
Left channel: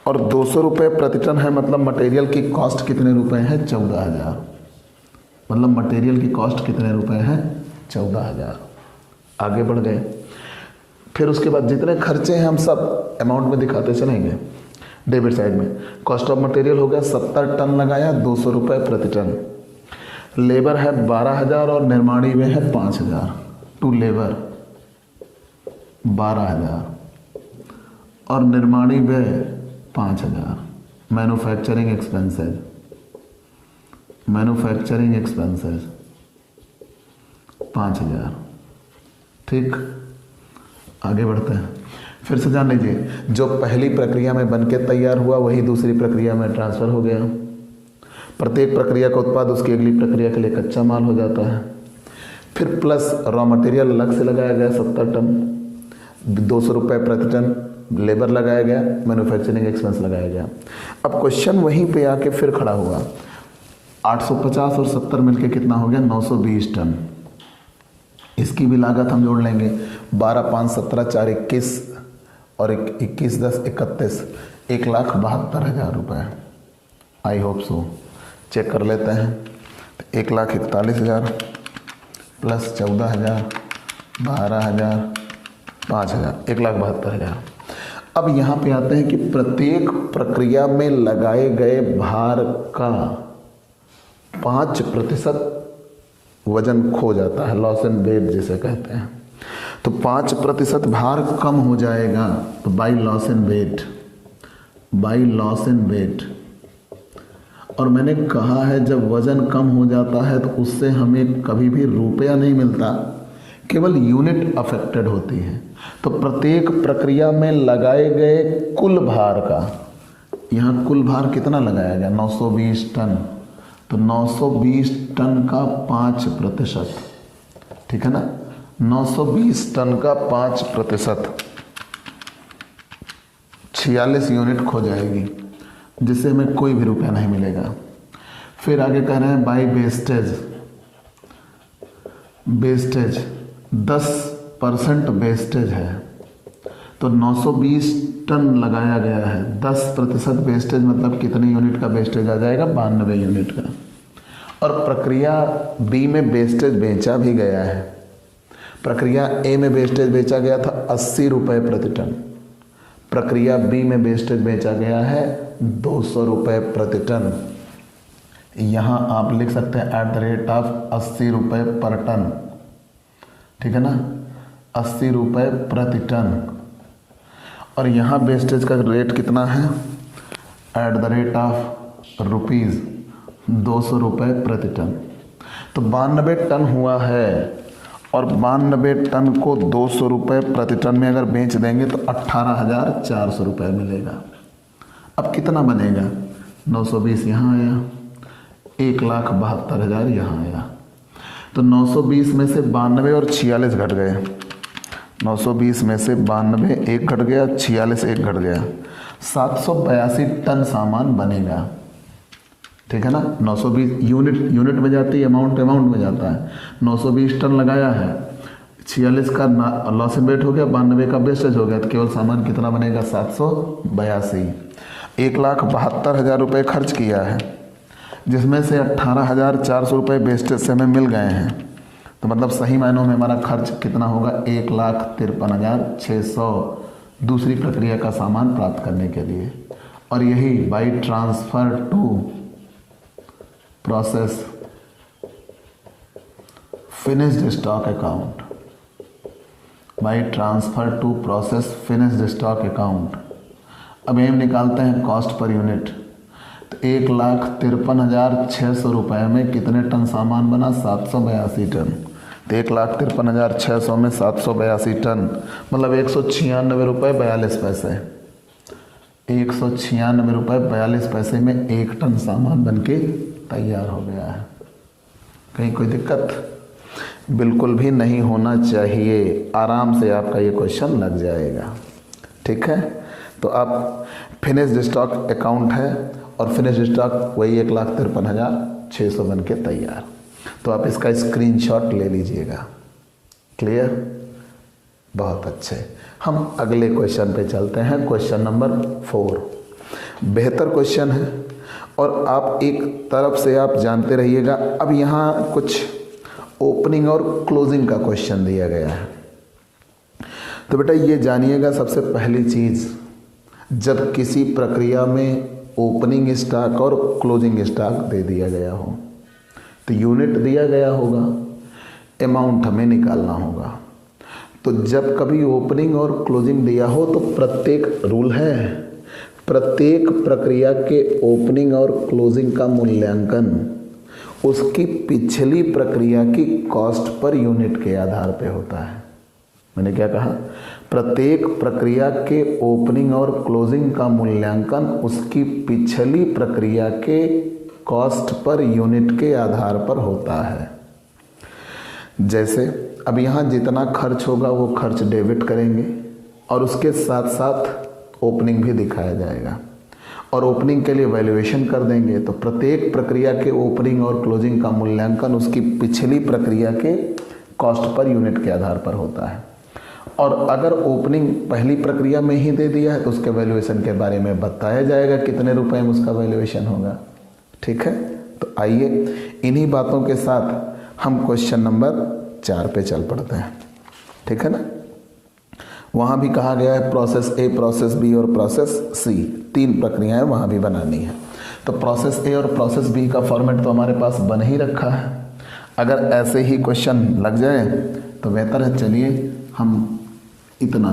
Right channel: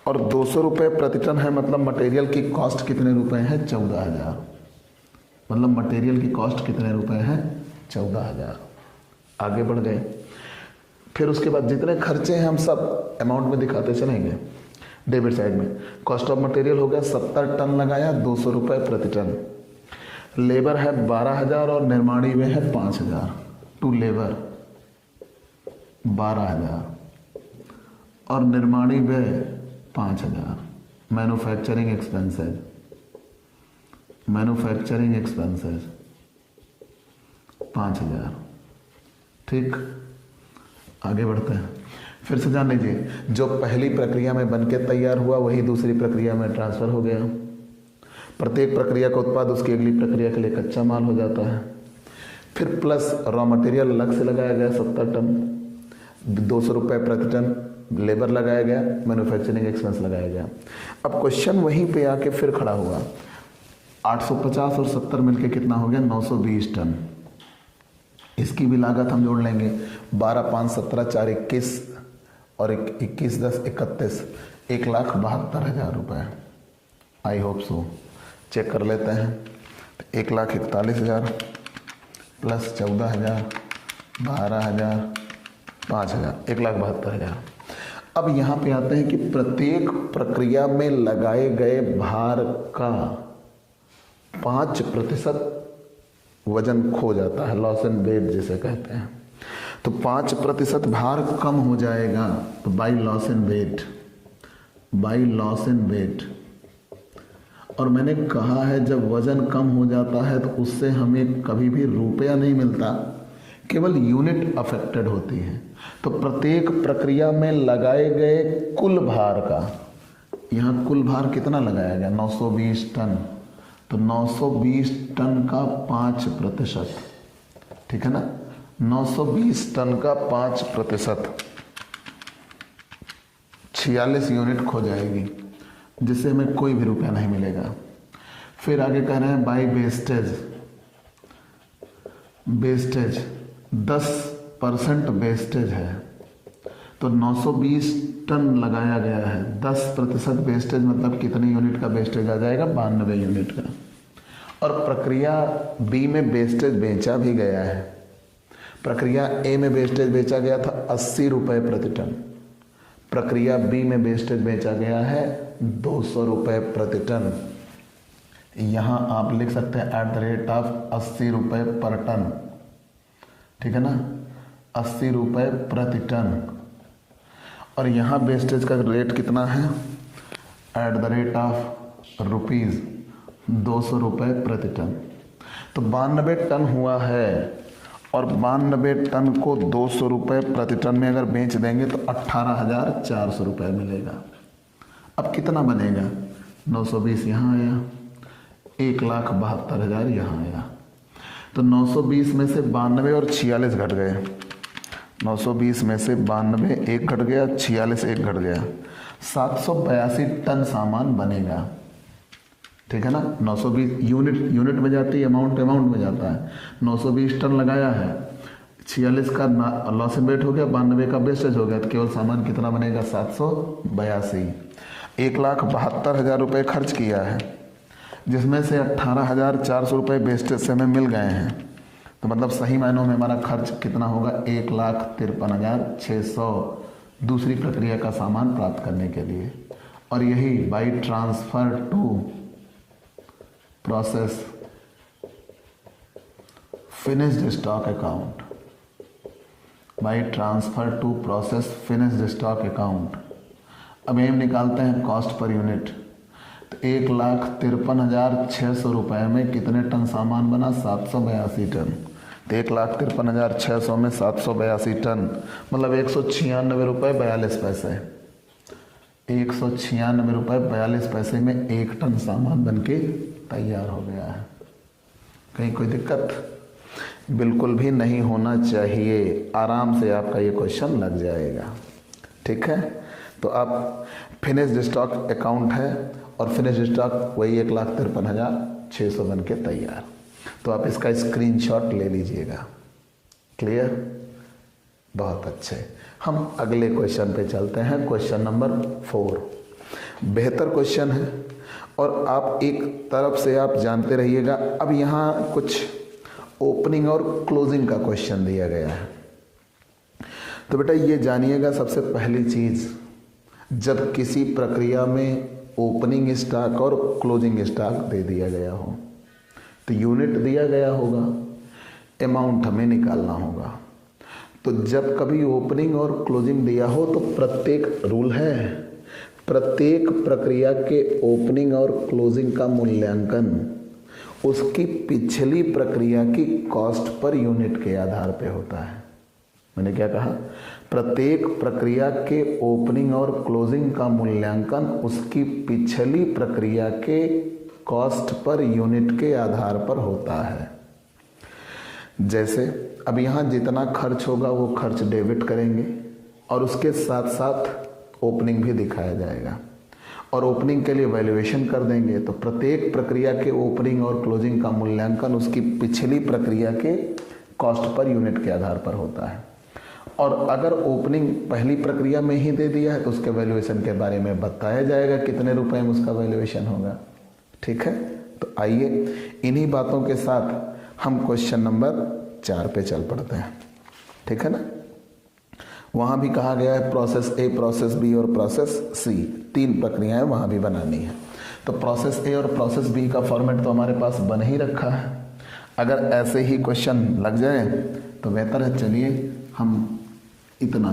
और 200 रुपये प्रति टन है मतलब मटेरियल की कॉस्ट कितने रुपए है? 14,000। मतलब मटेरियल की कॉस्ट कितने रुपए है? 14,000। आगे बढ़ गए। फिर उसके बाद जितने खर्चे हैं हम सब अमाउंट में दिखाते चलेंगे। डेबिट साइड में कॉस्ट ऑफ मटेरियल हो गया 70 टन लगाया 200 रुपये प्रति टन। लेबर है 12,000 और निर्माणी व्यय है 5,000। टू लेबर 12,000 और निर्माणी व्यय 5,000। Manufacturing expenses 5,000। ठीक, आगे बढ़ते हैं। फिर से जान लीजिए, जो पहली प्रक्रिया में बनके तैयार हुआ वही दूसरी प्रक्रिया में ट्रांसफर हो गया। प्रत्येक प्रक्रिया का उत्पाद उसकी अगली प्रक्रिया के लिए कच्चा माल हो जाता है। फिर प्लस रॉ मटेरियल अलग से लगाया गया 70 टन, 200 रुपये प्रति टन लेबर लगाया गया, मैन्युफैक्चरिंग एक्सपेंस लगाया गया। अब क्वेश्चन वहीं पे आके फिर खड़ा हुआ। 850 और 70 मिलके कितना हो गया? 920 टन। इसकी भी लागत हम जोड़ लेंगे। 12, 5, 17, 4, 21 और 21, 10, 31, 1,72,000 रुपये। I hope so. चेक कर लेते हैं। 1,41,000 प्लस 14,000, 12,000, 5,000, 1,72,000। अब यहाँ पे आते हैं कि प्रत्येक प्रक्रिया में लगाए गए भार का 5% वजन खो जाता है, लॉस एंड वेट जिसे कहते हैं। तो 5% भार कम हो जाएगा तो बाई लॉस एंड वेट। और मैंने कहा है जब वजन कम हो जाता है तो उससे हमें कभी भी रुपया नहीं मिलता, केवल यूनिट अफेक्टेड होती है। तो प्रत्येक प्रक्रिया में लगाए गए कुल भार का, यहाँ कुल भार कितना लगाया गया? 920 टन। तो 920 टन का 5%, ठीक है ना? 920 टन का 5%, 46 यूनिट खो जाएगी, जिससे हमें कोई भी रुपया नहीं मिलेगा। फिर आगे कह रहे हैं बाई वेस्टेज 10% वेस्टेज है। तो 920 टन लगाया गया है, 10% वेस्टेज मतलब कितने यूनिट का वेस्टेज आ जाएगा? 92 यूनिट का। और प्रक्रिया बी में वेस्टेज बेचा भी गया है। प्रक्रिया ए में वेस्टेज बेचा गया था 80 रुपये प्रति टन। प्रक्रिया बी में वेस्टेज बेचा गया है 200 रुपये प्रति टन। यहाँ आप लिख सकते हैं @ 80 रुपये पर टन, ठीक है ना? 80 रुपये प्रति टन। और यहाँ वेस्टेज का रेट कितना है? @ ₹200 रुपये प्रति टन। तो 92 टन हुआ है और 92 टन को 200 रुपये प्रति टन में अगर बेच देंगे तो 18,400 रुपये मिलेगा। अब कितना बनेगा? 920 यहाँ आया, 1,72,000 यहाँ आया। तो 920 में से 92 और 46 घट गए। 920 में से 92 एक घट गया, 46 एक घट गया, 782 टन सामान बनेगा, ठीक है ना? 920 यूनिट में जाती है, अमाउंट में जाता है। 920 टन लगाया है, 46 का लॉस एंड वेट हो गया, 92 का वेस्टेज हो गया, तो केवल सामान कितना बनेगा? 782। 1,72,000 रुपये खर्च किया है, जिसमें से 18,400 रुपये वेस्टेज से हमें मिल गए हैं। तो मतलब सही मायनों में हमारा खर्च कितना होगा? 1,53,600 दूसरी प्रक्रिया का सामान प्राप्त करने के लिए। और यही by transfer to process finished stock account, by transfer to process finished stock account. अब हम निकालते हैं कॉस्ट पर यूनिट। तो 1,53,600 रुपये में कितने टन सामान बना? 782 टन। तो 1,53,600 में 782 टन मतलब 196 रुपये 42 पैसे। 196 रुपये 42 पैसे में 1 टन सामान बनके तैयार हो गया है। कहीं कोई दिक्कत? बिल्कुल भी नहीं होना चाहिए, आराम से आपका ये क्वेश्चन लग जाएगा। ठीक है, तो आप फिनिश्ड स्टॉक अकाउंट है और फिनिश्ड स्टॉक वही 1,53,600 बन के तैयार। तो आप इसका स्क्रीनशॉट ले लीजिएगा। क्लियर? बहुत अच्छे। हम अगले क्वेश्चन पे चलते हैं। क्वेश्चन नंबर 4 बेहतर क्वेश्चन है और आप एक तरफ से आप जानते रहिएगा। अब यहाँ कुछ ओपनिंग और क्लोजिंग का क्वेश्चन दिया गया है। तो बेटा ये जानिएगा, सबसे पहली चीज़, जब किसी प्रक्रिया में ओपनिंग स्टॉक और क्लोजिंग स्टॉक दे दिया गया हो तो यूनिट दिया गया होगा, अमाउंट हमें निकालना होगा। तो जब कभी ओपनिंग और क्लोजिंग दिया हो तो प्रत्येक रूल है, प्रत्येक प्रक्रिया के ओपनिंग और क्लोजिंग का मूल्यांकन उसकी पिछली प्रक्रिया की कॉस्ट पर यूनिट के आधार पर होता है। मैंने क्या कहा? प्रत्येक प्रक्रिया के ओपनिंग और क्लोजिंग का मूल्यांकन उसकी पिछली प्रक्रिया के कॉस्ट पर यूनिट के आधार पर होता है। जैसे अब यहाँ जितना खर्च होगा वो खर्च डेबिट करेंगे और उसके साथ साथ ओपनिंग भी दिखाया जाएगा और ओपनिंग के लिए वैल्यूएशन कर देंगे। तो प्रत्येक प्रक्रिया के ओपनिंग और क्लोजिंग का मूल्यांकन उसकी पिछली प्रक्रिया के कॉस्ट पर यूनिट के आधार पर होता है। और अगर ओपनिंग पहली प्रक्रिया में ही दे दिया है तो उसके वैल्यूएशन के बारे में बताया जाएगा कितने रुपए में उसका वैल्यूएशन होगा। ठीक है, तो आइए इन्हीं बातों के साथ हम क्वेश्चन नंबर 4 पे चल पड़ते हैं। ठीक है ना? वहाँ भी कहा गया है प्रोसेस ए, प्रोसेस बी और प्रोसेस सी, 3 प्रक्रियाएं वहाँ भी बनानी है। तो प्रोसेस ए और प्रोसेस बी का फॉर्मेट तो हमारे पास बन ही रखा है। अगर ऐसे ही क्वेश्चन लग जाए तो बेहतर है। चलिए हम इतना,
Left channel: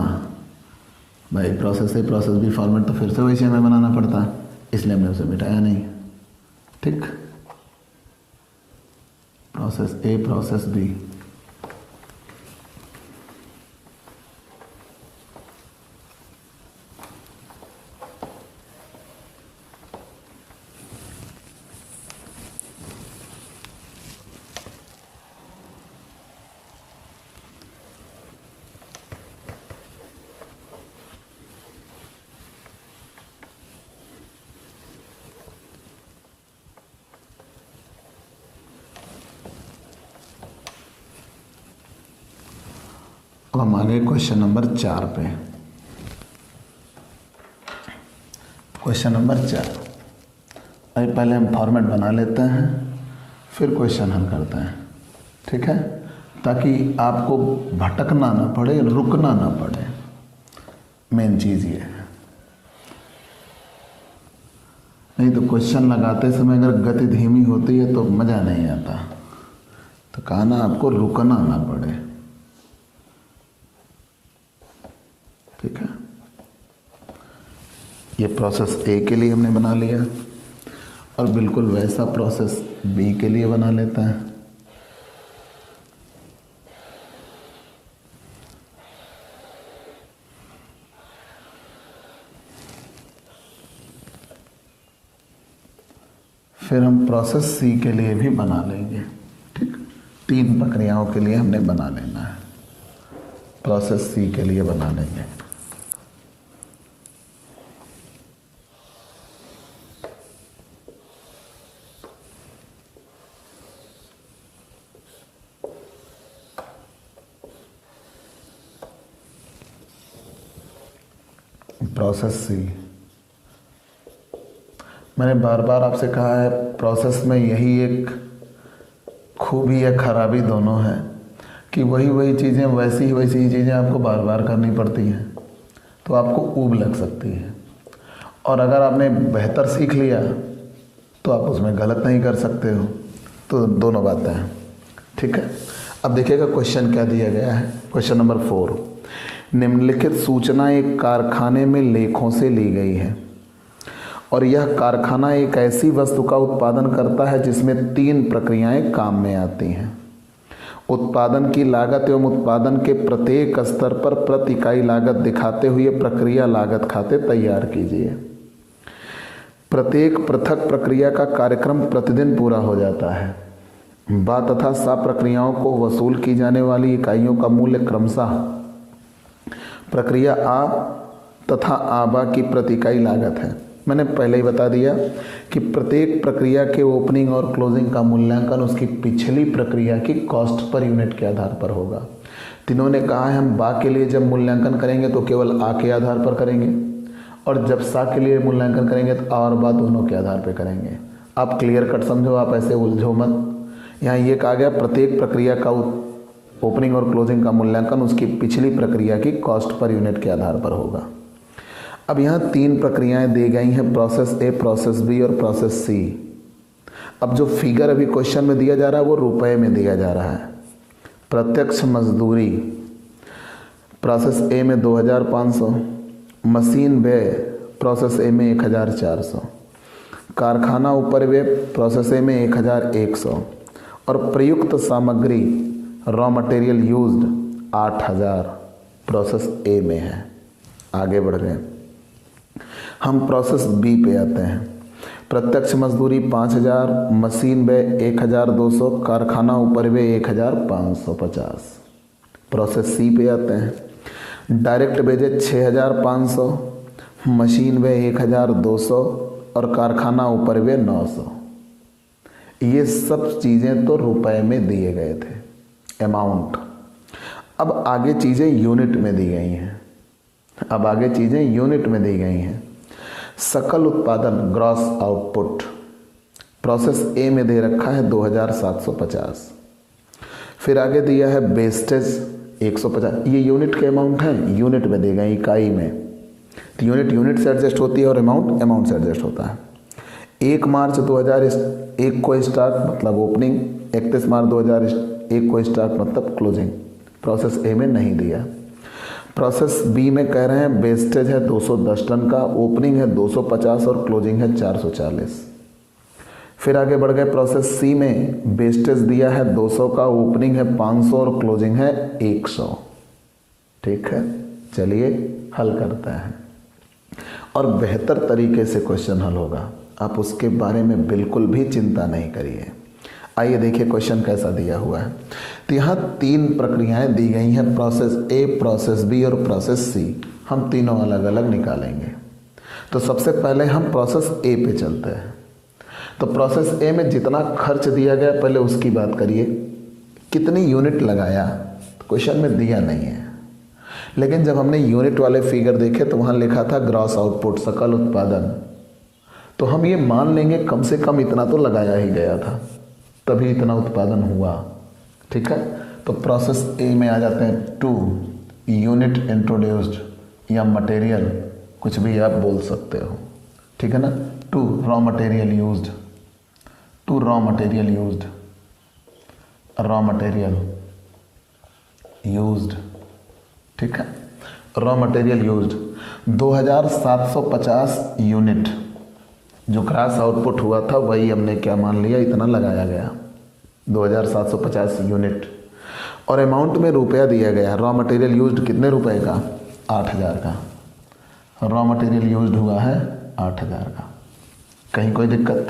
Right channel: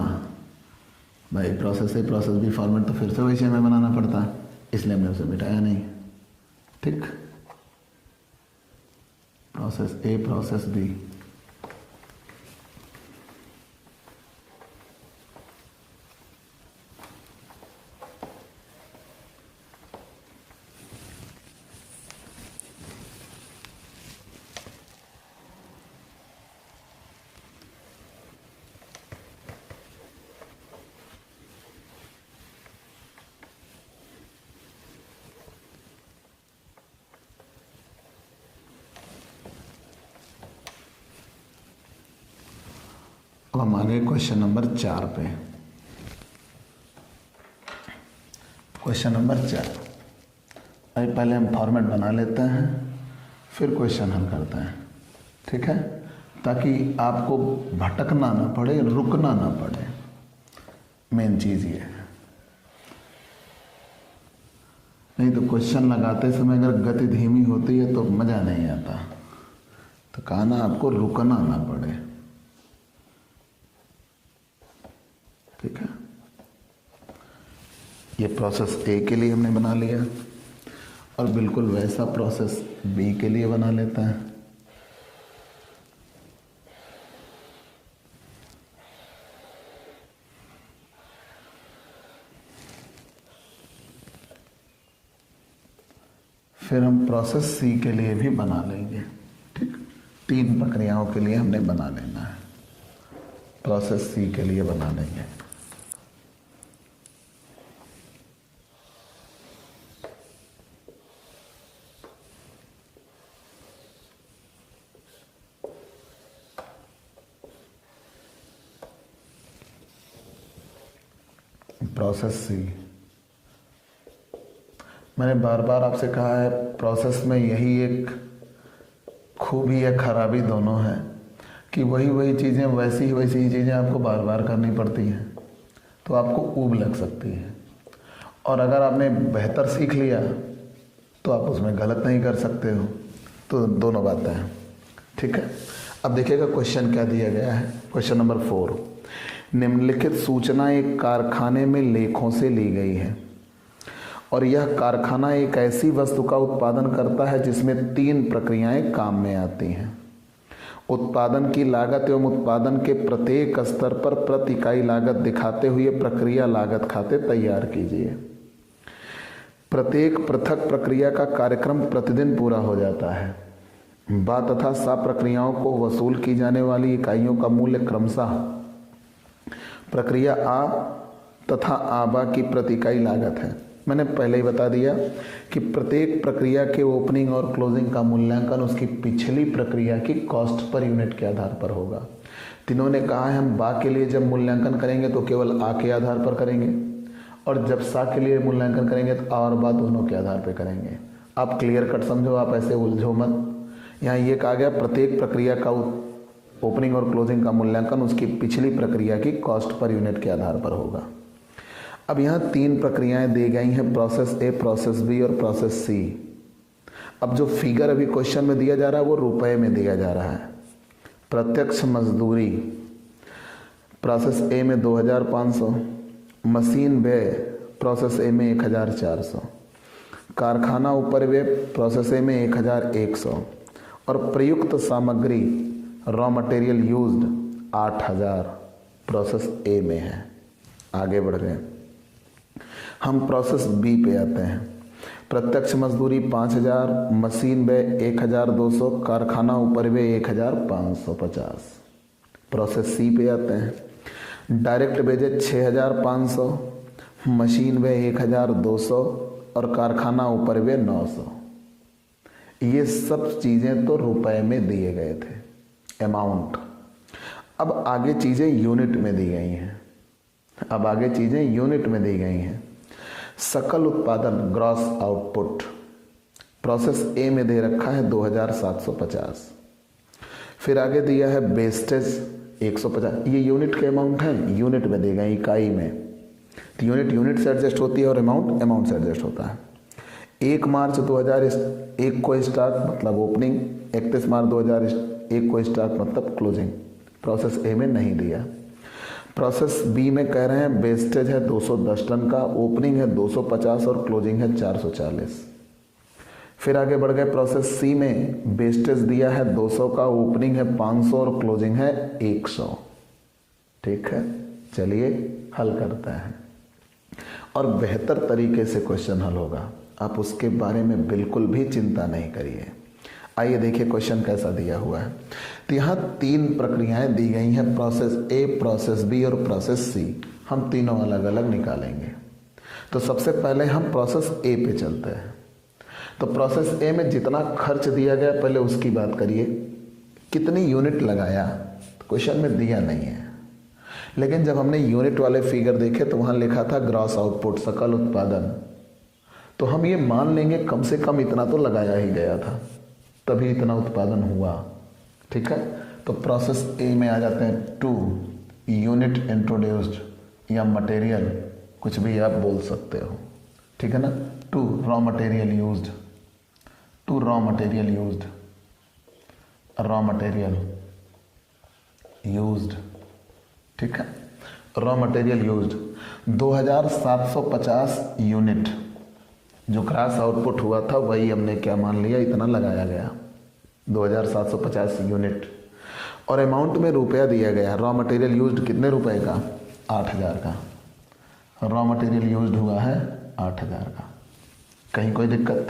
भाई process A process B format तो फिर से वैसे हमें बनाना पड़ता, इसलिए हमने उसे मिटाया नहीं। ठीक, प्रोसेस ए प्रोसेस बी, अब हम आगे क्वेश्चन नंबर 4 पे। क्वेश्चन नंबर 4, अभी पहले हम फॉर्मेट बना लेते हैं फिर क्वेश्चन हल करते हैं। ठीक है, ताकि आपको भटकना ना पड़े, रुकना ना पड़े। मेन चीज़ ये है, नहीं तो क्वेश्चन लगाते समय अगर गति धीमी होती है तो मज़ा नहीं आता। तो कहा ना, आपको रुकना ना पड़े। ठीक है, ये प्रोसेस ए के लिए हमने बना लिया और बिल्कुल वैसा प्रोसेस बी के लिए बना लेता है। फिर हम प्रोसेस सी के लिए भी बना लेंगे। ठीक, 3 प्रक्रियाओं के लिए हमने बना लेना है। प्रोसेस सी के लिए बना लेंगे। प्रोसेस सी, मैंने बार बार आपसे कहा है प्रोसेस में यही एक खूबी या खराबी दोनों है कि वही चीज़ें वैसी ही चीज़ें आपको बार बार करनी पड़ती हैं, तो आपको ऊब लग सकती है। और अगर आपने बेहतर सीख लिया तो आप उसमें गलत नहीं कर सकते हो। तो दोनों बातें हैं। ठीक है, अब देखिएगा क्वेश्चन क्या दिया गया है। क्वेश्चन नंबर 4, निम्नलिखित सूचना एक कारखाने में लेखों से ली गई है और यह कारखाना एक ऐसी वस्तु का उत्पादन करता है जिसमें 3 प्रक्रियाएं काम में आती हैं। उत्पादन की लागत एवं उत्पादन के प्रत्येक स्तर पर प्रति इकाई लागत दिखाते हुए प्रक्रिया लागत खाते तैयार कीजिए। प्रत्येक पृथक प्रक्रिया का कार्यक्रम प्रतिदिन पूरा हो जाता है। बा तथा सा प्रक्रियाओं को वसूल की जाने वाली इकाइयों का मूल्य क्रमशः प्रक्रिया आ तथा आबा की प्रति इकाई लागत है। मैंने पहले ही बता दिया कि प्रत्येक प्रक्रिया के ओपनिंग और क्लोजिंग का मूल्यांकन उसकी पिछली प्रक्रिया की कॉस्ट पर यूनिट के आधार पर होगा। तीनों ने कहा है हम बा के लिए जब मूल्यांकन करेंगे तो केवल आ के आधार पर करेंगे, और जब सा के लिए मूल्यांकन करेंगे तो आ और बा दोनों के आधार पर करेंगे। आप क्लियर कट समझो, आप ऐसे उलझो मत। यहाँ ये कहा गया प्रत्येक प्रक्रिया का ओपनिंग और क्लोजिंग का मूल्यांकन उसकी पिछली प्रक्रिया की कॉस्ट पर यूनिट के आधार पर होगा। अब यहाँ 3 प्रक्रियाएं दी गई हैं, प्रोसेस ए, प्रोसेस बी और प्रोसेस सी। अब जो फिगर अभी क्वेश्चन में दिया जा रहा है वो रुपए में दिया जा रहा है। प्रत्यक्ष मजदूरी प्रोसेस ए में 2500, मशीन व्यय प्रोसेस ए में 1400, कारखाना उपरिव्यय प्रोसेस ए में 1100 और प्रयुक्त सामग्री raw material used 8000 process A में है। आगे बढ़ गए, हम प्रोसेस बी पे आते हैं। प्रत्यक्ष मजदूरी 5000, मशीन व्यय 1200, कारखाना उपरिव्यय 1550। प्रोसेस सी पे आते हैं। डायरेक्ट वेजेज 6500, मशीन व्यय 1200 और कारखाना उपरिव्यय 900। ये सब चीज़ें तो रुपए में दिए गए थे, अमाउंट। अब आगे चीज़ें यूनिट में दी गई हैं। सकल उत्पादन ग्रॉस आउटपुट प्रोसेस ए में दे रखा है 2750। फिर आगे दिया है वेस्टेज 150। ये यूनिट के अमाउंट है, यूनिट में दे गए, इकाई में। तो यूनिट से एडजस्ट होती है और अमाउंट से एडजस्ट होता है। 1 मार्च 2001 को स्टार्ट मतलब ओपनिंग, 31 मार्च 2001 को स्टार्ट मतलब क्लोजिंग। प्रोसेस ए में नहीं दिया। प्रोसेस बी में कह रहे हैं वेस्टेज है 210 टन का, ओपनिंग है 250 और क्लोजिंग है 440। फिर आगे बढ़ गए, प्रोसेस सी में वेस्टेज दिया है 200 का, ओपनिंग है 500 और क्लोजिंग है 100। ठीक है, चलिए हल करते हैं और बेहतर तरीके से क्वेश्चन हल होगा। आप उसके बारे में बिल्कुल भी चिंता नहीं करिए। आइए देखिए क्वेश्चन कैसा दिया हुआ है। तो यहाँ 3 प्रक्रियाएं दी गई हैं, प्रोसेस ए, प्रोसेस बी और प्रोसेस सी। हम तीनों अलग अलग निकालेंगे। तो सबसे पहले हम प्रोसेस ए पे चलते हैं। तो प्रोसेस ए में जितना खर्च दिया गया पहले उसकी बात करिए। कितनी यूनिट लगाया क्वेश्चन में दिया नहीं है, लेकिन जब हमने यूनिट वाले फिगर देखे तो वहाँ लिखा था ग्रॉस आउटपुट, सकल उत्पादन। तो हम ये मान लेंगे कम से कम इतना तो लगाया ही गया था, तभी इतना उत्पादन हुआ। ठीक है, तो प्रोसेस ए में आ जाते हैं 2 यूनिट इंट्रोड्यूस्ड या मटेरियल, कुछ भी आप बोल सकते हो। ठीक है ना। 2 raw material used, 2 raw material used, raw material used. ठीक है, रॉ मटेरियल यूज्ड 2750 यूनिट। जो ग्रास आउटपुट हुआ था वही हमने क्या मान लिया, इतना लगाया गया 2750 यूनिट। और अमाउंट में रुपया दिया गया। रॉ मटेरियल यूज्ड कितने रुपए का, 8000 का। रॉ मटेरियल यूज्ड हुआ है 8000 का। कहीं कोई दिक्कत?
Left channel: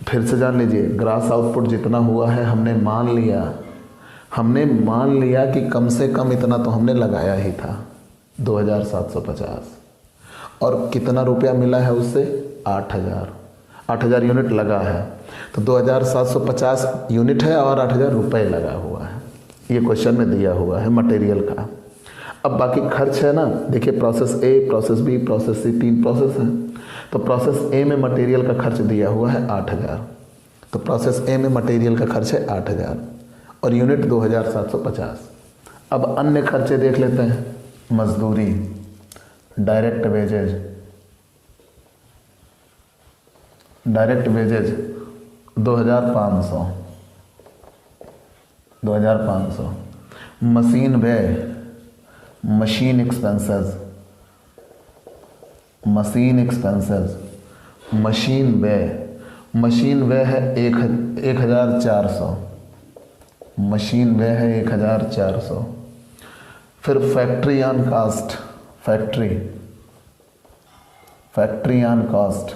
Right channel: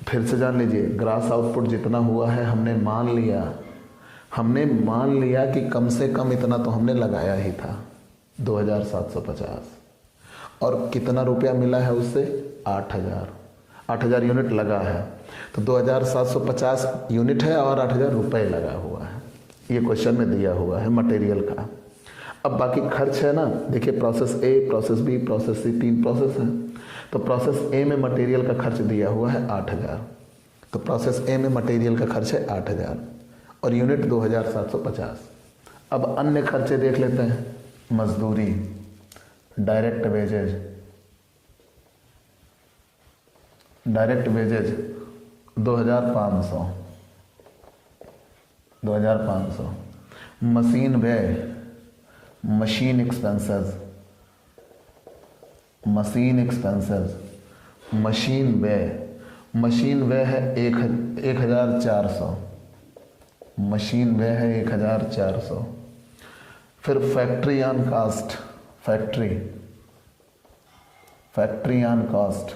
फिर से जान लीजिए, ग्रास आउटपुट जितना हुआ है हमने मान लिया कि कम से कम इतना तो हमने लगाया ही था 2750। और कितना रुपया मिला है उससे, 8000 यूनिट लगा है। तो 2750 यूनिट है और 8000 रुपये लगा हुआ है। ये क्वेश्चन में दिया हुआ है मटेरियल का। अब बाकी खर्च है ना, देखिए process A, process B, process C, 3 process हैं। तो प्रोसेस ए में मटेरियल का खर्च दिया हुआ है 8000। तो प्रोसेस ए में मटेरियल का खर्च है 8000 और यूनिट 2750। अब अन्य खर्चे देख लेते हैं। मजदूरी, डायरेक्ट वेजेज 2500, मशीन व्यय, मशीन एक्सपेंसेस, मशीन व्यय है 1400, मशीन व्यय है 1400। फिर factory on caste, factory on caste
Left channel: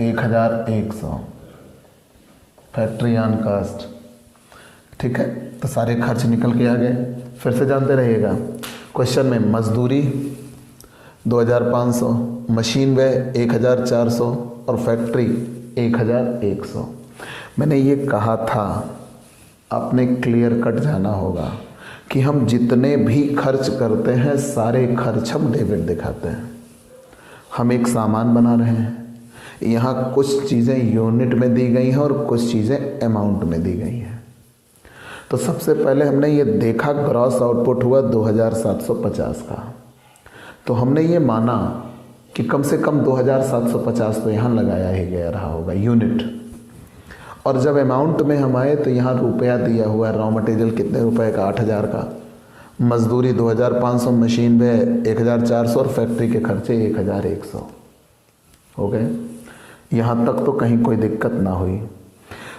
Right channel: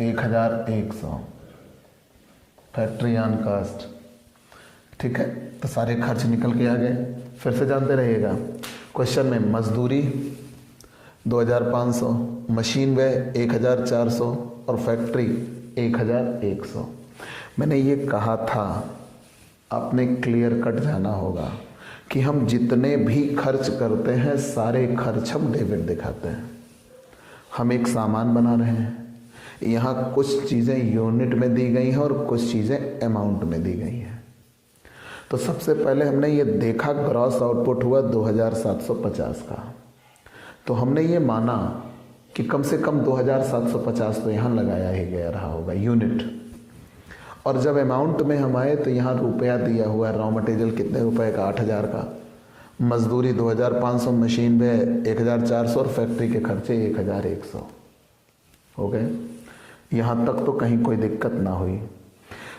1100। Factory on caste, ठीक है। तो सारे खर्च निकल के आ गए। फिर से जानते रहिएगा, क्वेश्चन में मजदूरी 2500, मशीन व्यय 1400 और फैक्ट्री 1100। मैंने ये कहा था आपने क्लियर कट जाना होगा कि हम जितने भी खर्च करते हैं सारे खर्च हम डेबिट दिखाते हैं। हम एक सामान बना रहे हैं, यहाँ कुछ चीज़ें यूनिट में दी गई हैं और कुछ चीज़ें अमाउंट में दी गई हैं। तो सबसे पहले हमने ये देखा ग्रॉस आउटपुट हुआ 2750 का, तो हमने ये माना कि कम से कम 2750 तो यहाँ लगाया ही गया रहा होगा यूनिट। और जब अमाउंट में हम आए तो यहाँ रुपया दिया हुआ है, रॉ मटेरियल कितने रुपए का, 8000 का, मजदूरी 2500, मशीन में 1400 और फैक्ट्री के खर्चे 1100 हो गए। यहाँ तक तो कहीं कोई दिक्कत ना हुई।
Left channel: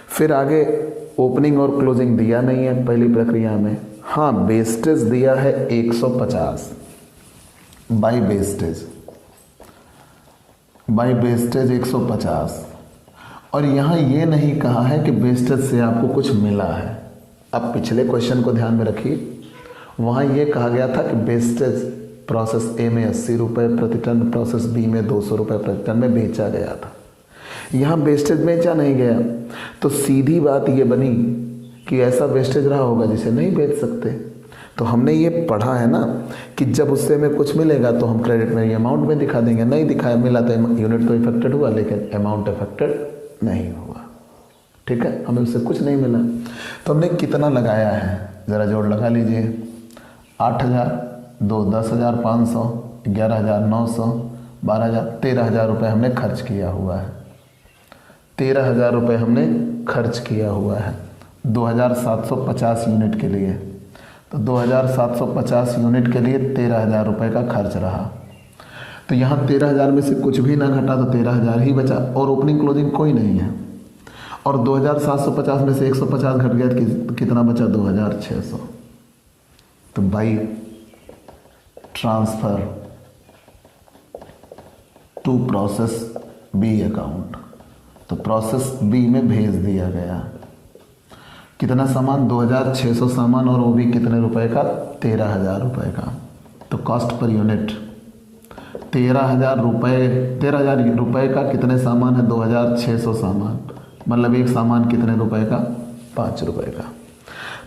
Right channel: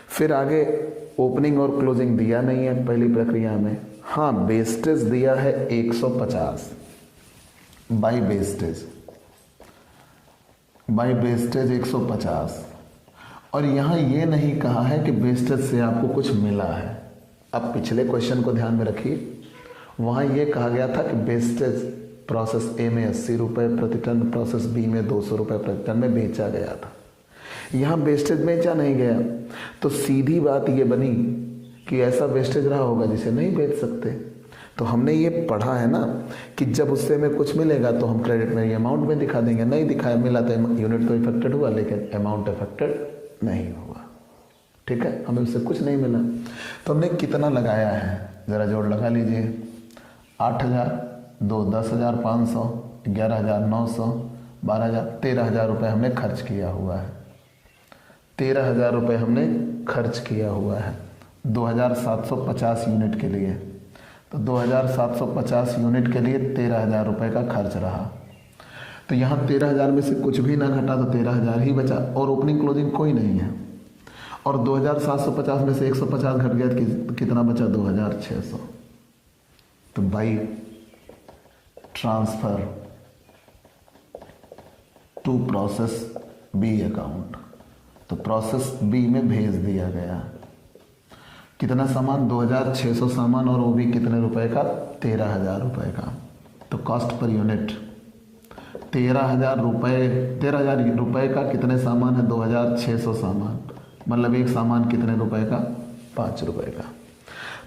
फिर आगे ओपनिंग और क्लोजिंग दिया नहीं है पहली प्रक्रिया में। हाँ, वेस्टेज दिया है 150 बाई वेस्टेज 150। और यहाँ ये नहीं कहा है कि वेस्टेज से आपको कुछ मिला है। अब पिछले क्वेश्चन को ध्यान में रखिए, वहाँ ये कहा गया था कि वेस्टेज प्रोसेस ए में 80 रुपये प्रति टन, प्रोसेस बी में 200 रुपये प्रति टन में बेचा गया था। यहाँ वेस्टेज बेचा नहीं गया, तो सीधी बात ये बनी कि ऐसा वेस्टेज रहा होगा जिसे नहीं बेच सकते। तो हमने ये पढ़ा है ना कि जब उससे हमें कुछ मिलेगा तो हम क्रेडिट में अमाउंट में दिखा देंगे। नहीं दिखाया, मिला तो यूनिट तो इफेक्टेड हुआ लेकिन अमाउंट इफेक्टेड नहीं हुआ, ठीक है। हमें उससे कुछ नहीं मिला। तो हमने कितना लगाया है, ज़रा जोड़ लगा लीजिए। 8000, 10,500, 11,900, 12,000, 13,000 रुपये हमने खर्च किया हुआ है। 13,000 रुपये हमने खर्च किया हुआ है 2750 यूनिट के लिए। तो 2750 यूनिट के लिए 13,000 रुपये का खर्च रहा। तो यहाँ 13,000 में से कुछ भी ना घटा तो 13,000 ही बचा, और ओपनिंग क्लोजिंग कोई नहीं है। और 2750 में से 150 घट गया तो कितना बचा, 2600। तो by transfer to process B account, तो प्रोसेस बी में भेज दिया गया। कितना सामान, 2600 सामान, और वो भी कितने रुपए का, 13,000 रुपये का। तो कॉस्ट पर यूनिट 13,000 रुपये का कितने सामान है, 2600 सामान, मतलब एक सामान कितने रुपए का, 5 रुपये का।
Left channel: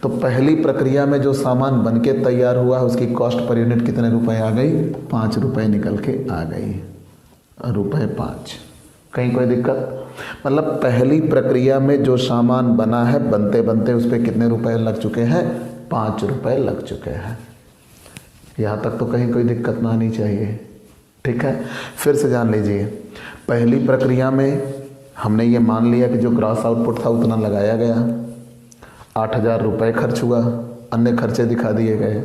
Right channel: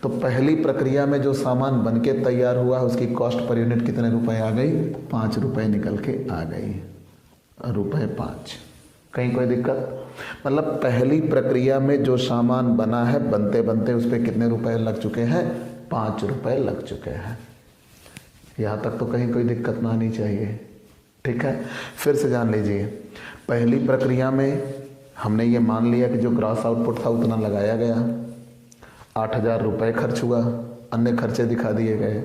तो पहली प्रक्रिया में जो सामान बनके तैयार हुआ है उसकी कॉस्ट पर यूनिट कितने रुपए आ गई, 5 रुपये निकल के आ गई, ₹5। कहीं कोई दिक्कत, मतलब पहली प्रक्रिया में जो सामान बना है बनते बनते उस पर कितने रुपए लग चुके हैं, 5 रुपये लग चुके हैं। यहाँ तक तो कहीं कोई दिक्कत ना आनी चाहिए, ठीक है। फिर से जान लीजिए, पहली प्रक्रिया में हमने ये मान लिया कि जो ग्रॉस आउटपुट था उतना लगाया गया, 8,000 रुपये खर्च हुआ, अन्य खर्चे दिखा दिए गए,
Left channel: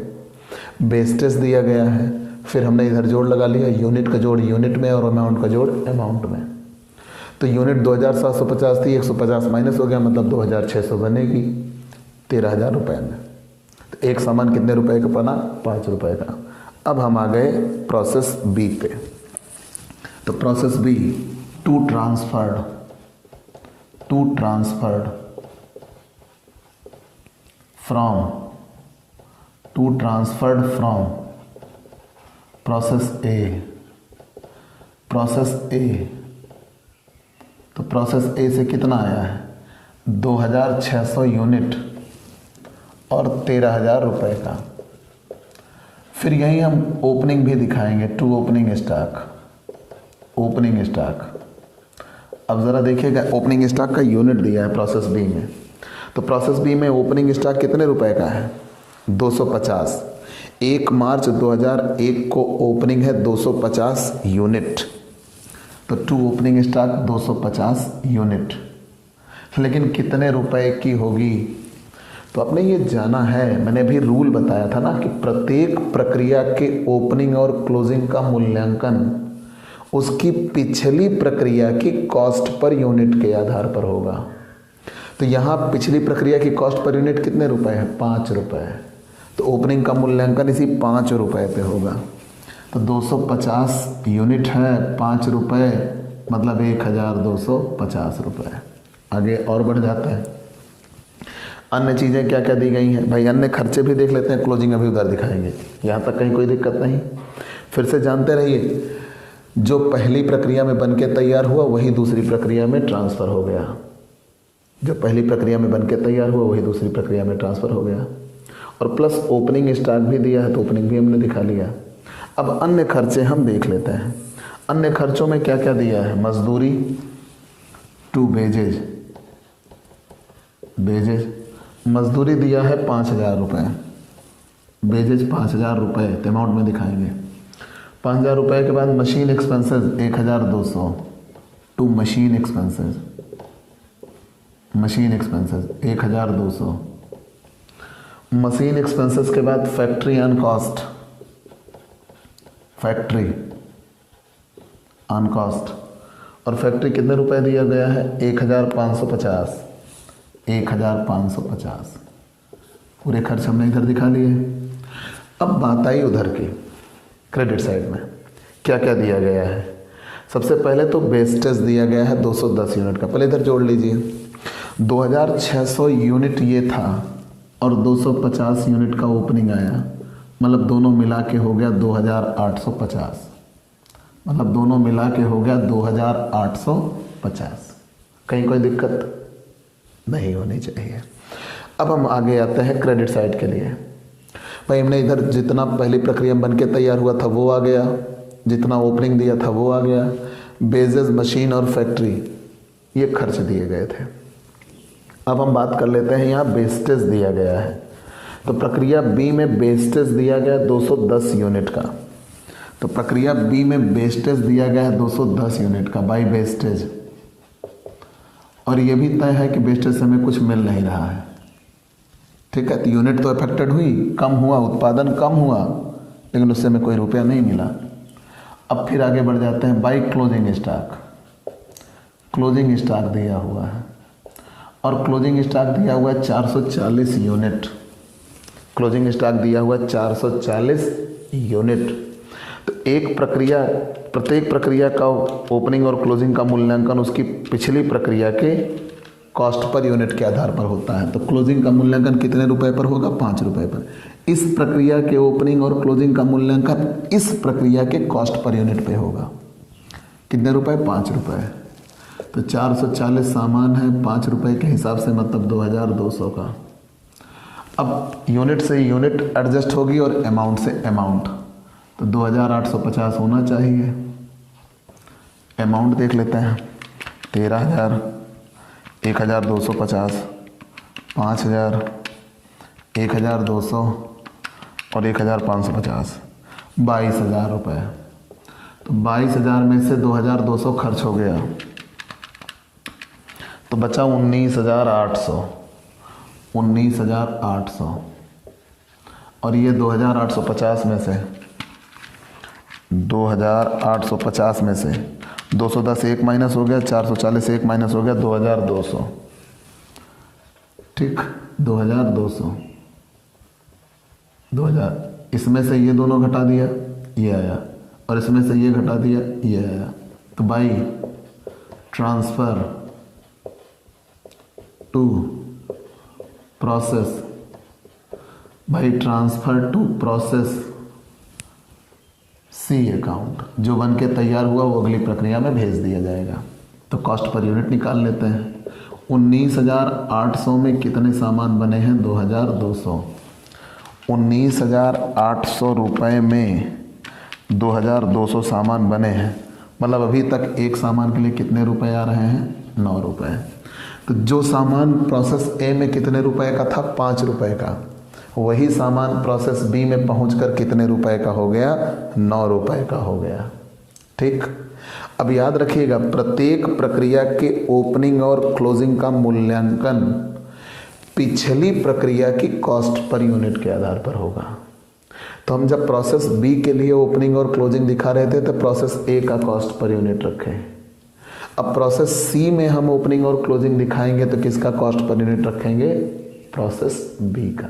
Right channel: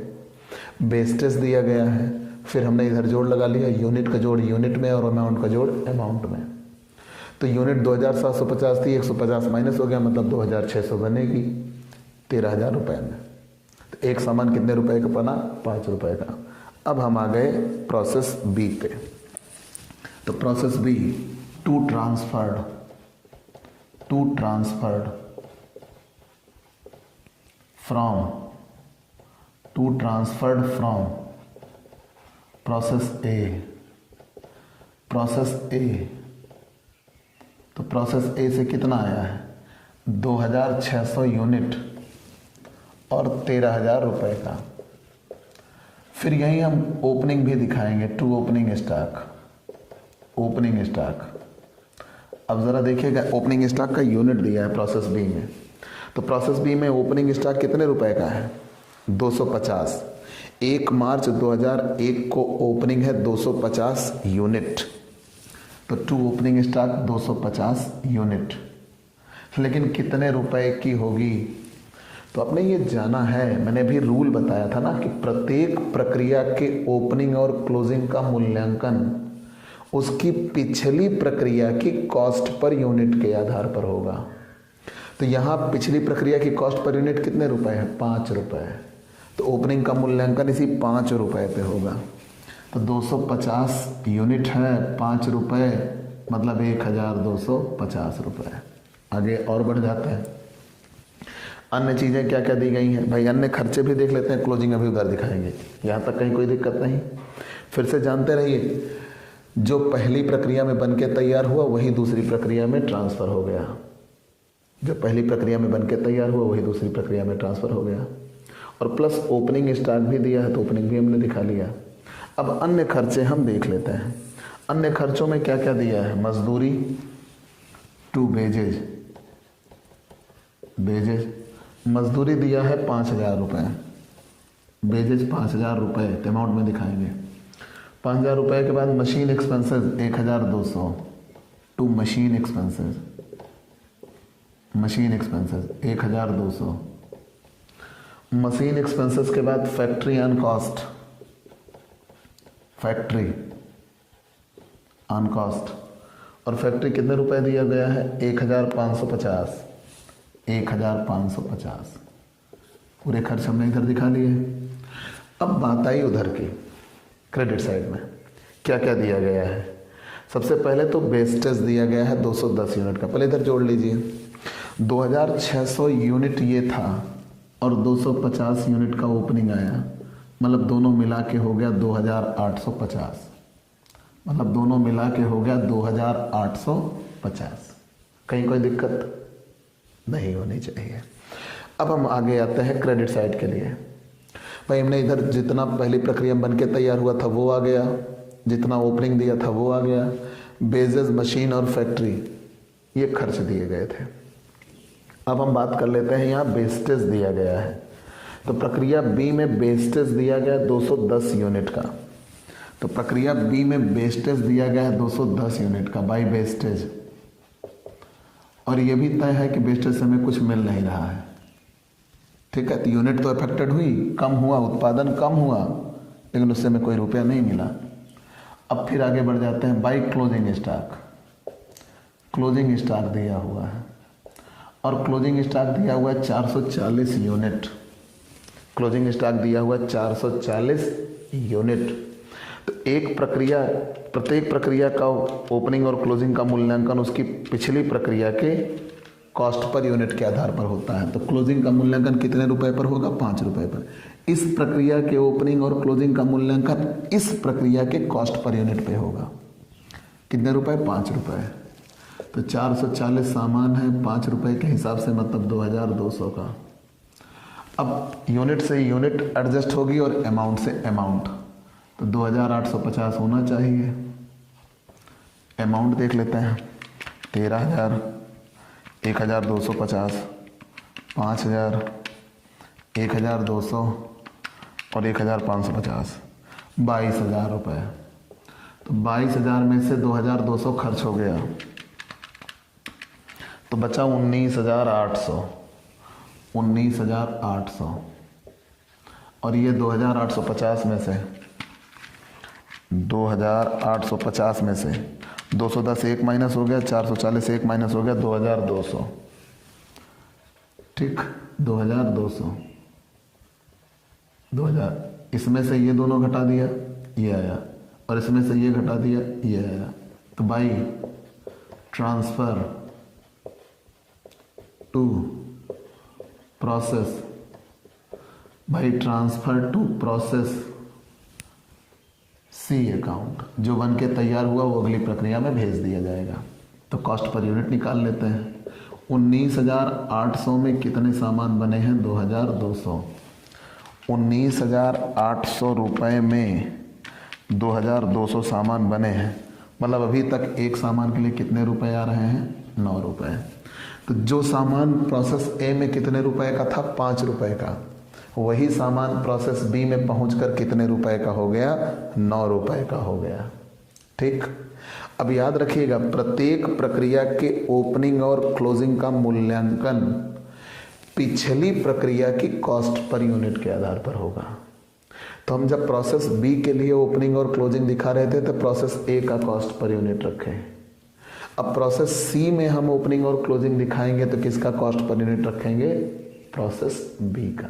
वेस्टेज दिया गया है। फिर हमने इधर जोड़ लगा लिया, यूनिट का जोड़ यूनिट में और अमाउंट का जोड़ अमाउंट में। तो यूनिट 2750 थी, 150 माइनस हो गया, मतलब 2600 बनेगी 13,000 रुपये में। तो एक सामान कितने रुपए का बना, 5 रुपये का। अब हम आ गए प्रोसेस बी पे। तो process B, to transferred from process A. तो प्रोसेस ए से कितना आया है, 2600 यूनिट और 13,000 रुपये का। फिर यहीं हम ओपनिंग भी दिखाएंगे, टू ओपनिंग स्टॉक। अब ज़रा देखिएगा, ओपनिंग स्टॉक का यूनिट दिया है प्रोसेस बी में। तो प्रोसेस बी में ओपनिंग स्टॉक कितने रुपए का है, 250। 1 मार्च 2001 को ओपनिंग है 250 यूनिट। तो टू ओपनिंग स्टॉक 250 यूनिट, लेकिन कितने रुपए की होगी। तो आपने ये जाना है, मैंने भी रूल बताया था ना कि प्रत्येक प्रक्रिया के ओपनिंग और क्लोजिंग का मूल्यांकन उसकी पिछली प्रक्रिया की कॉस्ट पर यूनिट के आधार पर होगा। तो यहाँ पिछली प्रक्रिया की कॉस्ट पर यूनिट कितने रुपए है, 5 रुपये। तो ओपनिंग का मूल्यांकन इसी 5 रुपये पे होगा। तो 250 यूनिट है, 5 रुपये, मतलब 1,250 रुपये। आगे और बढ़ जाता है। अन्य चीज़ें क्या क्या दी गई हैं भाई, अन्य खर्चे भी देख लेते हैं, क्लोजिंग अभी उधर दिखाएंगे, यहाँ तक कहीं कोई दिक्कत नहीं। फिर से जानते रहिए, जो पहली प्रक्रिया में बन के तैयार हुआ वही दूसरी प्रक्रिया में ट्रांसफ़र हो गया, जो पहली प्रक्रिया में बन के तैयार हुआ वही दूसरी प्रक्रिया में ट्रांसफ़र हो गया। और प्लस ओपनिंग स्टॉक भी दिया है तो ओपनिंग भी हमने दिखा लिया। अब अन्य खर्चे हम देख लेते हैं। अन्य खर्चों में क्या क्या दिया है, मजदूरी टू बेजेज, मजदूरी दिया है 5,000 रुपये, बेजेज 5,000 रुपये अमाउंट में दिखाएंगे। 5,000 रुपये के बाद machine expenses 1,200 to machine expenses 1,200। Machine expenses के बाद फैक्ट्री ऑन कॉस्ट, और फैक्ट्री कितने रुपए दिया गया है, 1,550। पूरे खर्च हमने इधर दिखा लिए। अब बात आई उधर की क्रेडिट साइड में क्या क्या दिया गया है। सबसे पहले तो वेस्टेज दिया गया है 210 यूनिट का, पहले इधर जोड़ लीजिए। 2,600 यूनिट ये था और 250 यूनिट का ओपनिंग आया, मतलब दोनों मिला के हो गया 2,850, मतलब दोनों मिला के हो गया 2,850। कहीं कोई दिक्कत नहीं होनी चाहिए। अब हम आगे आते हैं क्रेडिट साइड के लिए। भाई हमने इधर जितना पहली प्रक्रिया बन के तैयार हुआ था वो आ गया, जितना ओपनिंग दिया था वो आ गया। बेजेस, मशीन और फैक्ट्री ये खर्च दिए गए थे। अब हम बात कर लेते हैं, यहाँ वेस्टेज दिया गया है। तो प्रक्रिया बी में वेस्टेज दिया गया 210 यूनिट का, तो प्रक्रिया बी में वेस्टेज दिया गया है 210 यूनिट का बाई वेस्टेज, और ये भी तय है कि वेस्टेज से हमें कुछ मिल नहीं रहा है। ठीक है, तो यूनिट तो अफेक्टेड हुई, कम हुआ, उत्पादन कम हुआ, लेकिन उससे हमें कोई रुपया नहीं मिला। अब फिर आगे बढ़ जाते हैं बाई क्लोजिंग स्टॉक दिया हुआ है, और क्लोजिंग स्टॉक दिया हुआ है 440 यूनिट। क्लोजिंग स्टॉक दिया हुआ 440 यूनिट। तो प्रत्येक प्रक्रिया का ओपनिंग और क्लोजिंग का मूल्यांकन उसकी पिछली प्रक्रिया के कॉस्ट पर यूनिट के आधार पर होता है। तो क्लोजिंग का मूल्यांकन कितने रुपए पर होगा, 5 रुपए पर। इस प्रक्रिया के ओपनिंग और क्लोजिंग का मूल्यांकन इस प्रक्रिया के कॉस्ट पर यूनिट पे होगा। कितने रुपए, 5 रुपए। तो 440 सामान है, 5 रुपए के हिसाब से मतलब 2,200 का। अब यूनिट से यूनिट एडजस्ट होगी और अमाउंट से अमाउंट, तो 2,850 होना चाहिए। अमाउंट देख लेते हैं, 13,000, 1,250, 5,000, 1,200 और 1,550, 22,000 रुपये। तो 22,000 में से 2,200 खर्च हो गया, तो बचा 19,800। और ये 2,850 में से 210 एक माइनस हो गया, 440 एक माइनस हो गया, 2,200। ठीक, 2,200, 2,000। इसमें से ये दोनों घटा दिया, ये आया, और इसमें से ये घटा दिया, ये आया। तो by transfer to process C account, जो बन के तैयार हुआ वो अगली प्रक्रिया में भेज दिया जाएगा। तो कॉस्ट पर यूनिट निकाल लेते हैं। 19,800 में कितने सामान बने हैं, 2,200। 19,800 रुपये में 2,200 सामान बने हैं, मतलब अभी तक एक सामान के लिए कितने रुपए आ रहे हैं, 9 रुपये। तो जो सामान प्रोसेस ए में कितने रुपए का था, 5 रुपये का, वही सामान प्रोसेस बी में पहुंचकर कितने रुपए का हो गया, 9 रुपए का हो गया। ठीक, अब याद रखिएगा, प्रत्येक प्रक्रिया के ओपनिंग और क्लोजिंग का मूल्यांकन पिछली प्रक्रिया की कॉस्ट पर यूनिट के आधार पर होगा। तो हम जब प्रोसेस बी के लिए ओपनिंग और क्लोजिंग दिखा रहे थे तो प्रोसेस ए का कॉस्ट पर यूनिट रखे। अब प्रोसेस सी में हम ओपनिंग और क्लोजिंग दिखाएंगे तो किसका कॉस्ट पर यूनिट रखेंगे, प्रोसेस बी का।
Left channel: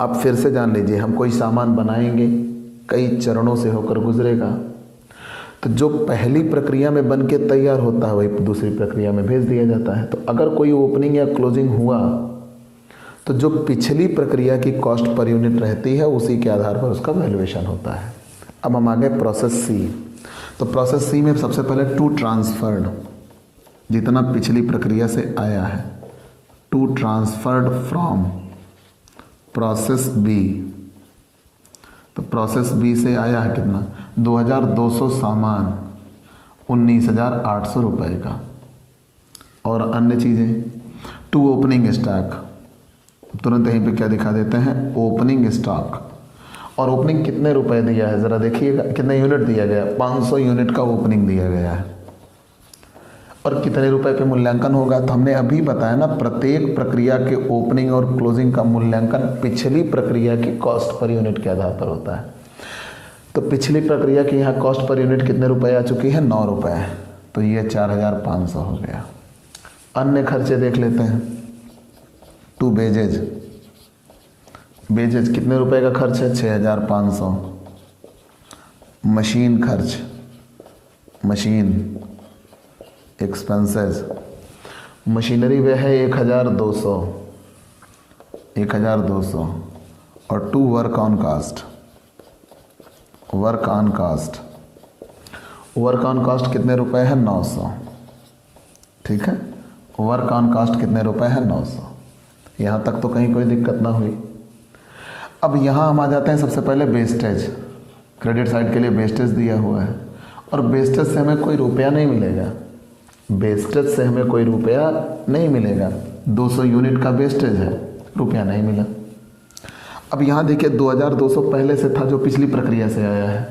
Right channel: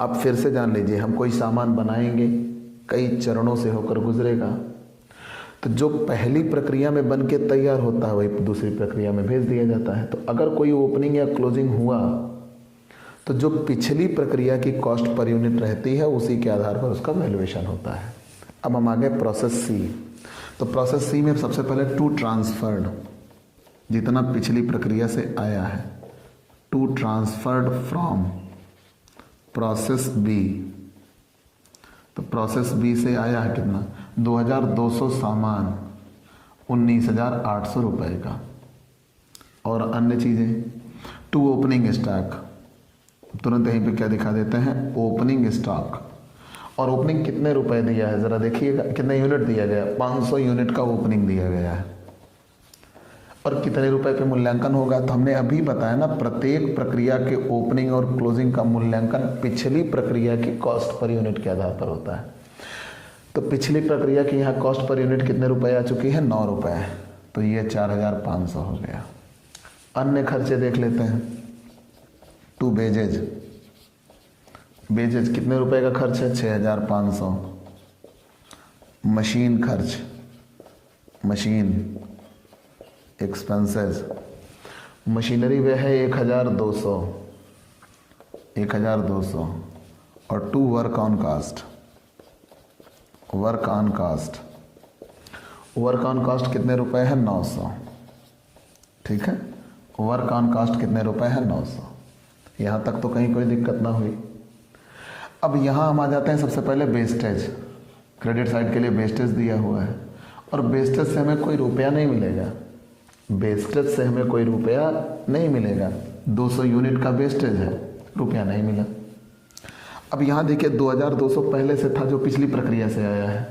अब फिर से जान लीजिए, हम कोई सामान बनाएंगे, कई चरणों से होकर गुजरेगा। तो जो पहली प्रक्रिया में बन के तैयार होता है वही दूसरी प्रक्रिया में भेज दिया जाता है। तो अगर कोई ओपनिंग या क्लोजिंग हुआ तो जो पिछली प्रक्रिया की कॉस्ट पर यूनिट रहती है उसी के आधार पर उसका वैल्यूएशन होता है। अब हम आगे प्रोसेस सी। तो प्रोसेस सी में सबसे पहले टू ट्रांसफर्ड, जितना पिछली प्रक्रिया से आया है, to transferred from process B. तो प्रोसेस बी से आया है कितना, 2200 सामान 19,800 रुपये का। और अन्य चीज़ें, टू ओपनिंग स्टॉक, तुरंत यहीं पे क्या दिखा देते हैं, ओपनिंग स्टॉक। और ओपनिंग कितने रुपए दिया है ज़रा देखिएगा, कितने यूनिट दिया गया, 500 यूनिट का ओपनिंग दिया गया है। और कितने रुपए पे मूल्यांकन होगा, तो हमने अभी बताया ना, प्रत्येक प्रक्रिया के ओपनिंग और क्लोजिंग का मूल्यांकन पिछली प्रक्रिया की कॉस्ट पर यूनिट के आधार पर होता है। तो पिछली प्रक्रिया की यहाँ कॉस्ट पर यूनिट कितने रुपए आ चुकी है, 9 रुपये। तो ये 4,500 हो गया। अन्य खर्चे देख लेते हैं। टू बेजेज, बेजेज कितने रुपए का खर्च है, 6,500। मशीन खर्च, मशीन एक्सपेंसेस, मशीनरी वे है 1,200। और to work on cost, work on cost, work on cost कितने रुपए है, 900। ठीक है, वर्क ऑन कास्ट कितने रुपए है, 900। यहाँ तक तो कहीं कोई दिक्कत ना हुई। अब यहाँ हम आ जाते हैं सबसे पहले वेस्टेज। क्रेडिट साइड के लिए वेस्टेज दिया हुआ है और वेस्टेज से हमें कोई रुपया नहीं मिलेगा, वेस्टेज से हमें कोई रुपया नहीं मिलेगा। 200 यूनिट का वेस्टेज है, रुपया नहीं मिला। अब यहाँ देखिए 2,200 पहले से था जो पिछली प्रक्रिया से आया है,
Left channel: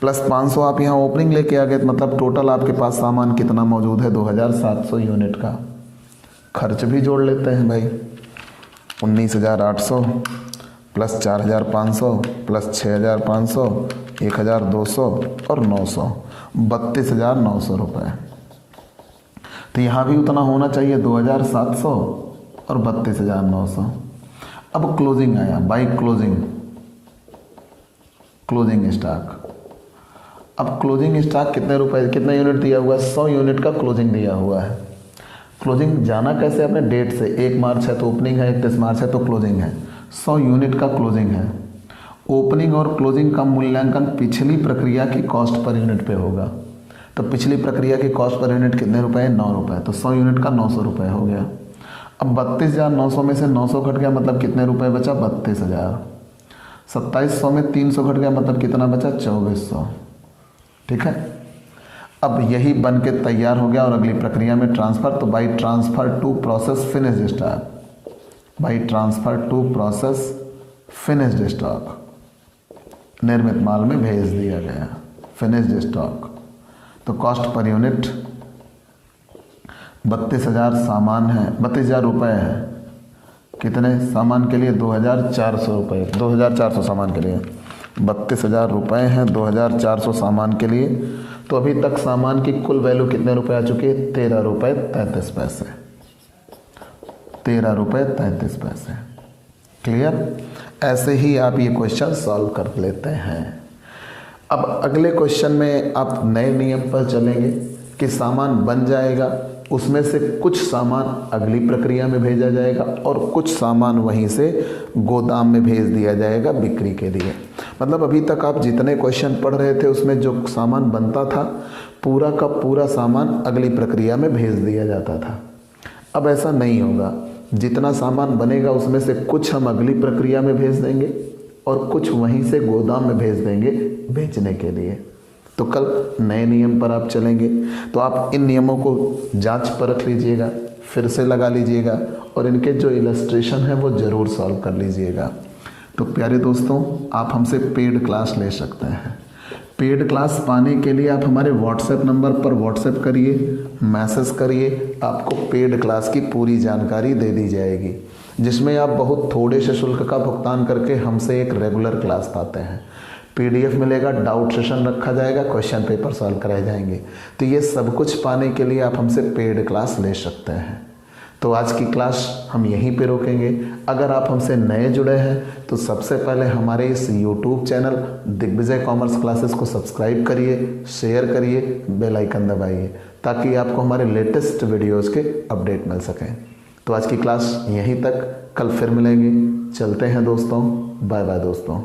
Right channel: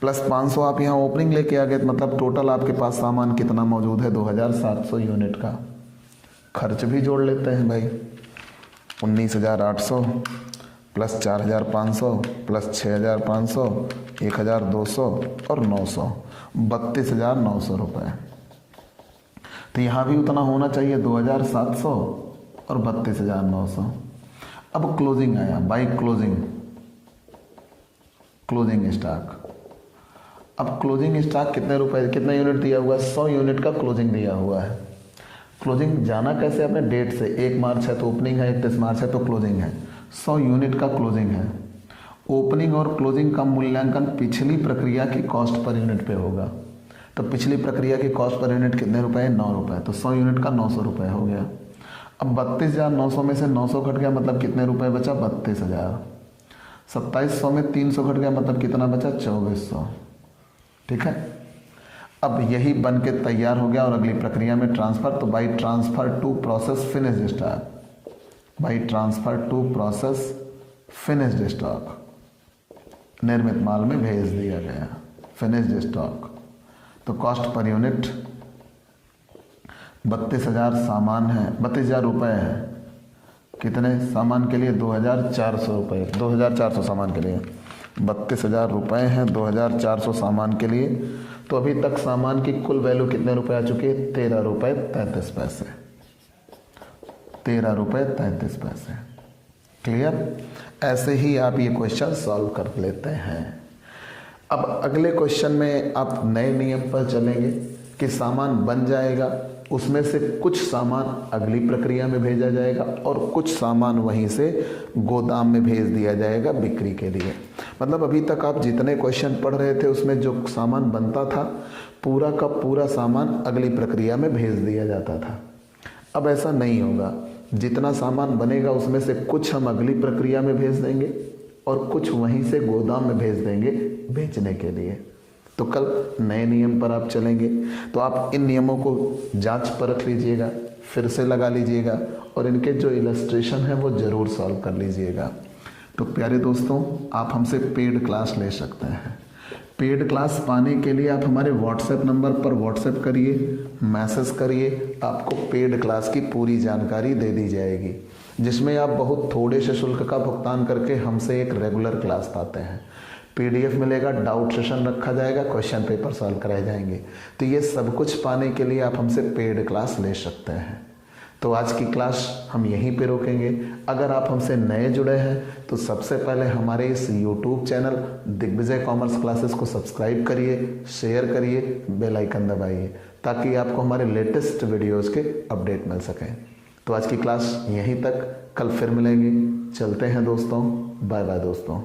प्लस 500 आप यहाँ ओपनिंग लेके आ गए, मतलब टोटल आपके पास सामान कितना मौजूद है, 2,700 यूनिट का। खर्च भी जोड़ लेते हैं भाई, 19,800 प्लस 4,500 प्लस 6,500 1,200 और 900, 32,900 रुपये। तो यहाँ भी उतना होना चाहिए, 2,700 और 32,900। अब क्लोजिंग आया, बाई क्लोजिंग, क्लोजिंग स्टॉक। अब क्लोजिंग स्टॉक कितने रुपए, कितने यूनिट दिया हुआ है, 100 यूनिट का क्लोजिंग दिया हुआ है। क्लोजिंग जाना कैसे अपने डेट से, 1 मार्च है तो ओपनिंग है, 31 मार्च है तो क्लोजिंग है, 100 यूनिट का क्लोजिंग है। ओपनिंग और क्लोजिंग का मूल्यांकन पिछली प्रक्रिया की कॉस्ट पर यूनिट पे होगा। तो पिछली प्रक्रिया की कॉस्ट पर यूनिट कितने रुपए, 9 रुपये। तो 100 यूनिट का 900 रुपये हो गया। अब 32,900 में से 900 घट गया, मतलब कितने रुपए बचा, 32,000। 2,700 में 300 घट गया, मतलब कितना बचा, 2,400। ठीक है, अब यही बन के तैयार हो गया और अगली प्रक्रिया में ट्रांसफर। तो by transfer to process finished stock, by transfer to process finished stock, निर्मित माल में भेज दिया गया, फिनिश्ड स्टॉक। तो कॉस्ट पर यूनिट 32,000 सामान है, 32,000 रुपये है। कितने सामान के लिए, 2,400 रुपये, 2,400 सामान के लिए 32,000 रुपये हैं, 2,400 सामान के लिए। तो अभी तक सामान की कुल वैल्यू कितने रुपए आ चुकी है, 13 रुपये 33 पैसे, 13 रुपये 33 पैसे। क्लियर, ऐसे ही आप ये क्वेश्चन सॉल्व कर लेते हैं। अब अगले क्वेश्चन में आप नए नियम पर चलेंगे कि सामान बन जाएगा, उसमें से कुछ सामान अगली प्रक्रिया में भेजा जाएगा और कुछ सामान वहीं से गोदाम में भेज दिया जाएगा बिक्री के लिए। मतलब अभी तक आप जितने क्वेश्चन पढ़ रहे थे उसमें जो सामान बनता था पूरा का पूरा सामान अगली प्रक्रिया में भेज दिया जाता था। अब ऐसा नहीं होगा, जितना सामान बनेगा उसमें से कुछ हम अगली प्रक्रिया में भेज देंगे और कुछ वहीं से गोदाम में भेज देंगे बेचने के लिए। तो कल नए नियम पर आप चलेंगे, तो आप इन नियमों को जांच परख लीजिएगा, फिर से लगा लीजिएगा और इनके जो इलस्ट्रेशन है वो ज़रूर सॉल्व कर लीजिएगा। तो प्यारे दोस्तों, आप हमसे पेड क्लास ले सकते हैं। पेड क्लास पाने के लिए आप हमारे व्हाट्सएप नंबर पर व्हाट्सएप करिए, मैसेज करिए, आपको पेड क्लास की पूरी जानकारी दे दी जाएगी, जिसमें आप बहुत थोड़े से शुल्क का भुगतान करके हमसे एक रेगुलर क्लास पाते हैं। PDF मिलेगा, डाउट सेशन रखा जाएगा, क्वेश्चन पेपर सॉल्व कराए जाएंगे। तो ये सब कुछ पाने के लिए आप हमसे पेड क्लास ले सकते हैं। तो आज की क्लास हम यहीं पे रोकेंगे। अगर आप हमसे नए जुड़े हैं तो सबसे पहले हमारे इस YouTube channel Digvijay Commerce Classes को सब्सक्राइब करिए, शेयर करिए, बेल आइकन दबाइए ताकि आपको हमारे लेटेस्ट वीडियोस के अपडेट मिल सकें। तो आज की क्लास यहीं तक, कल फिर मिलेंगे। चलते हैं दोस्तों, बाय बाय दोस्तों।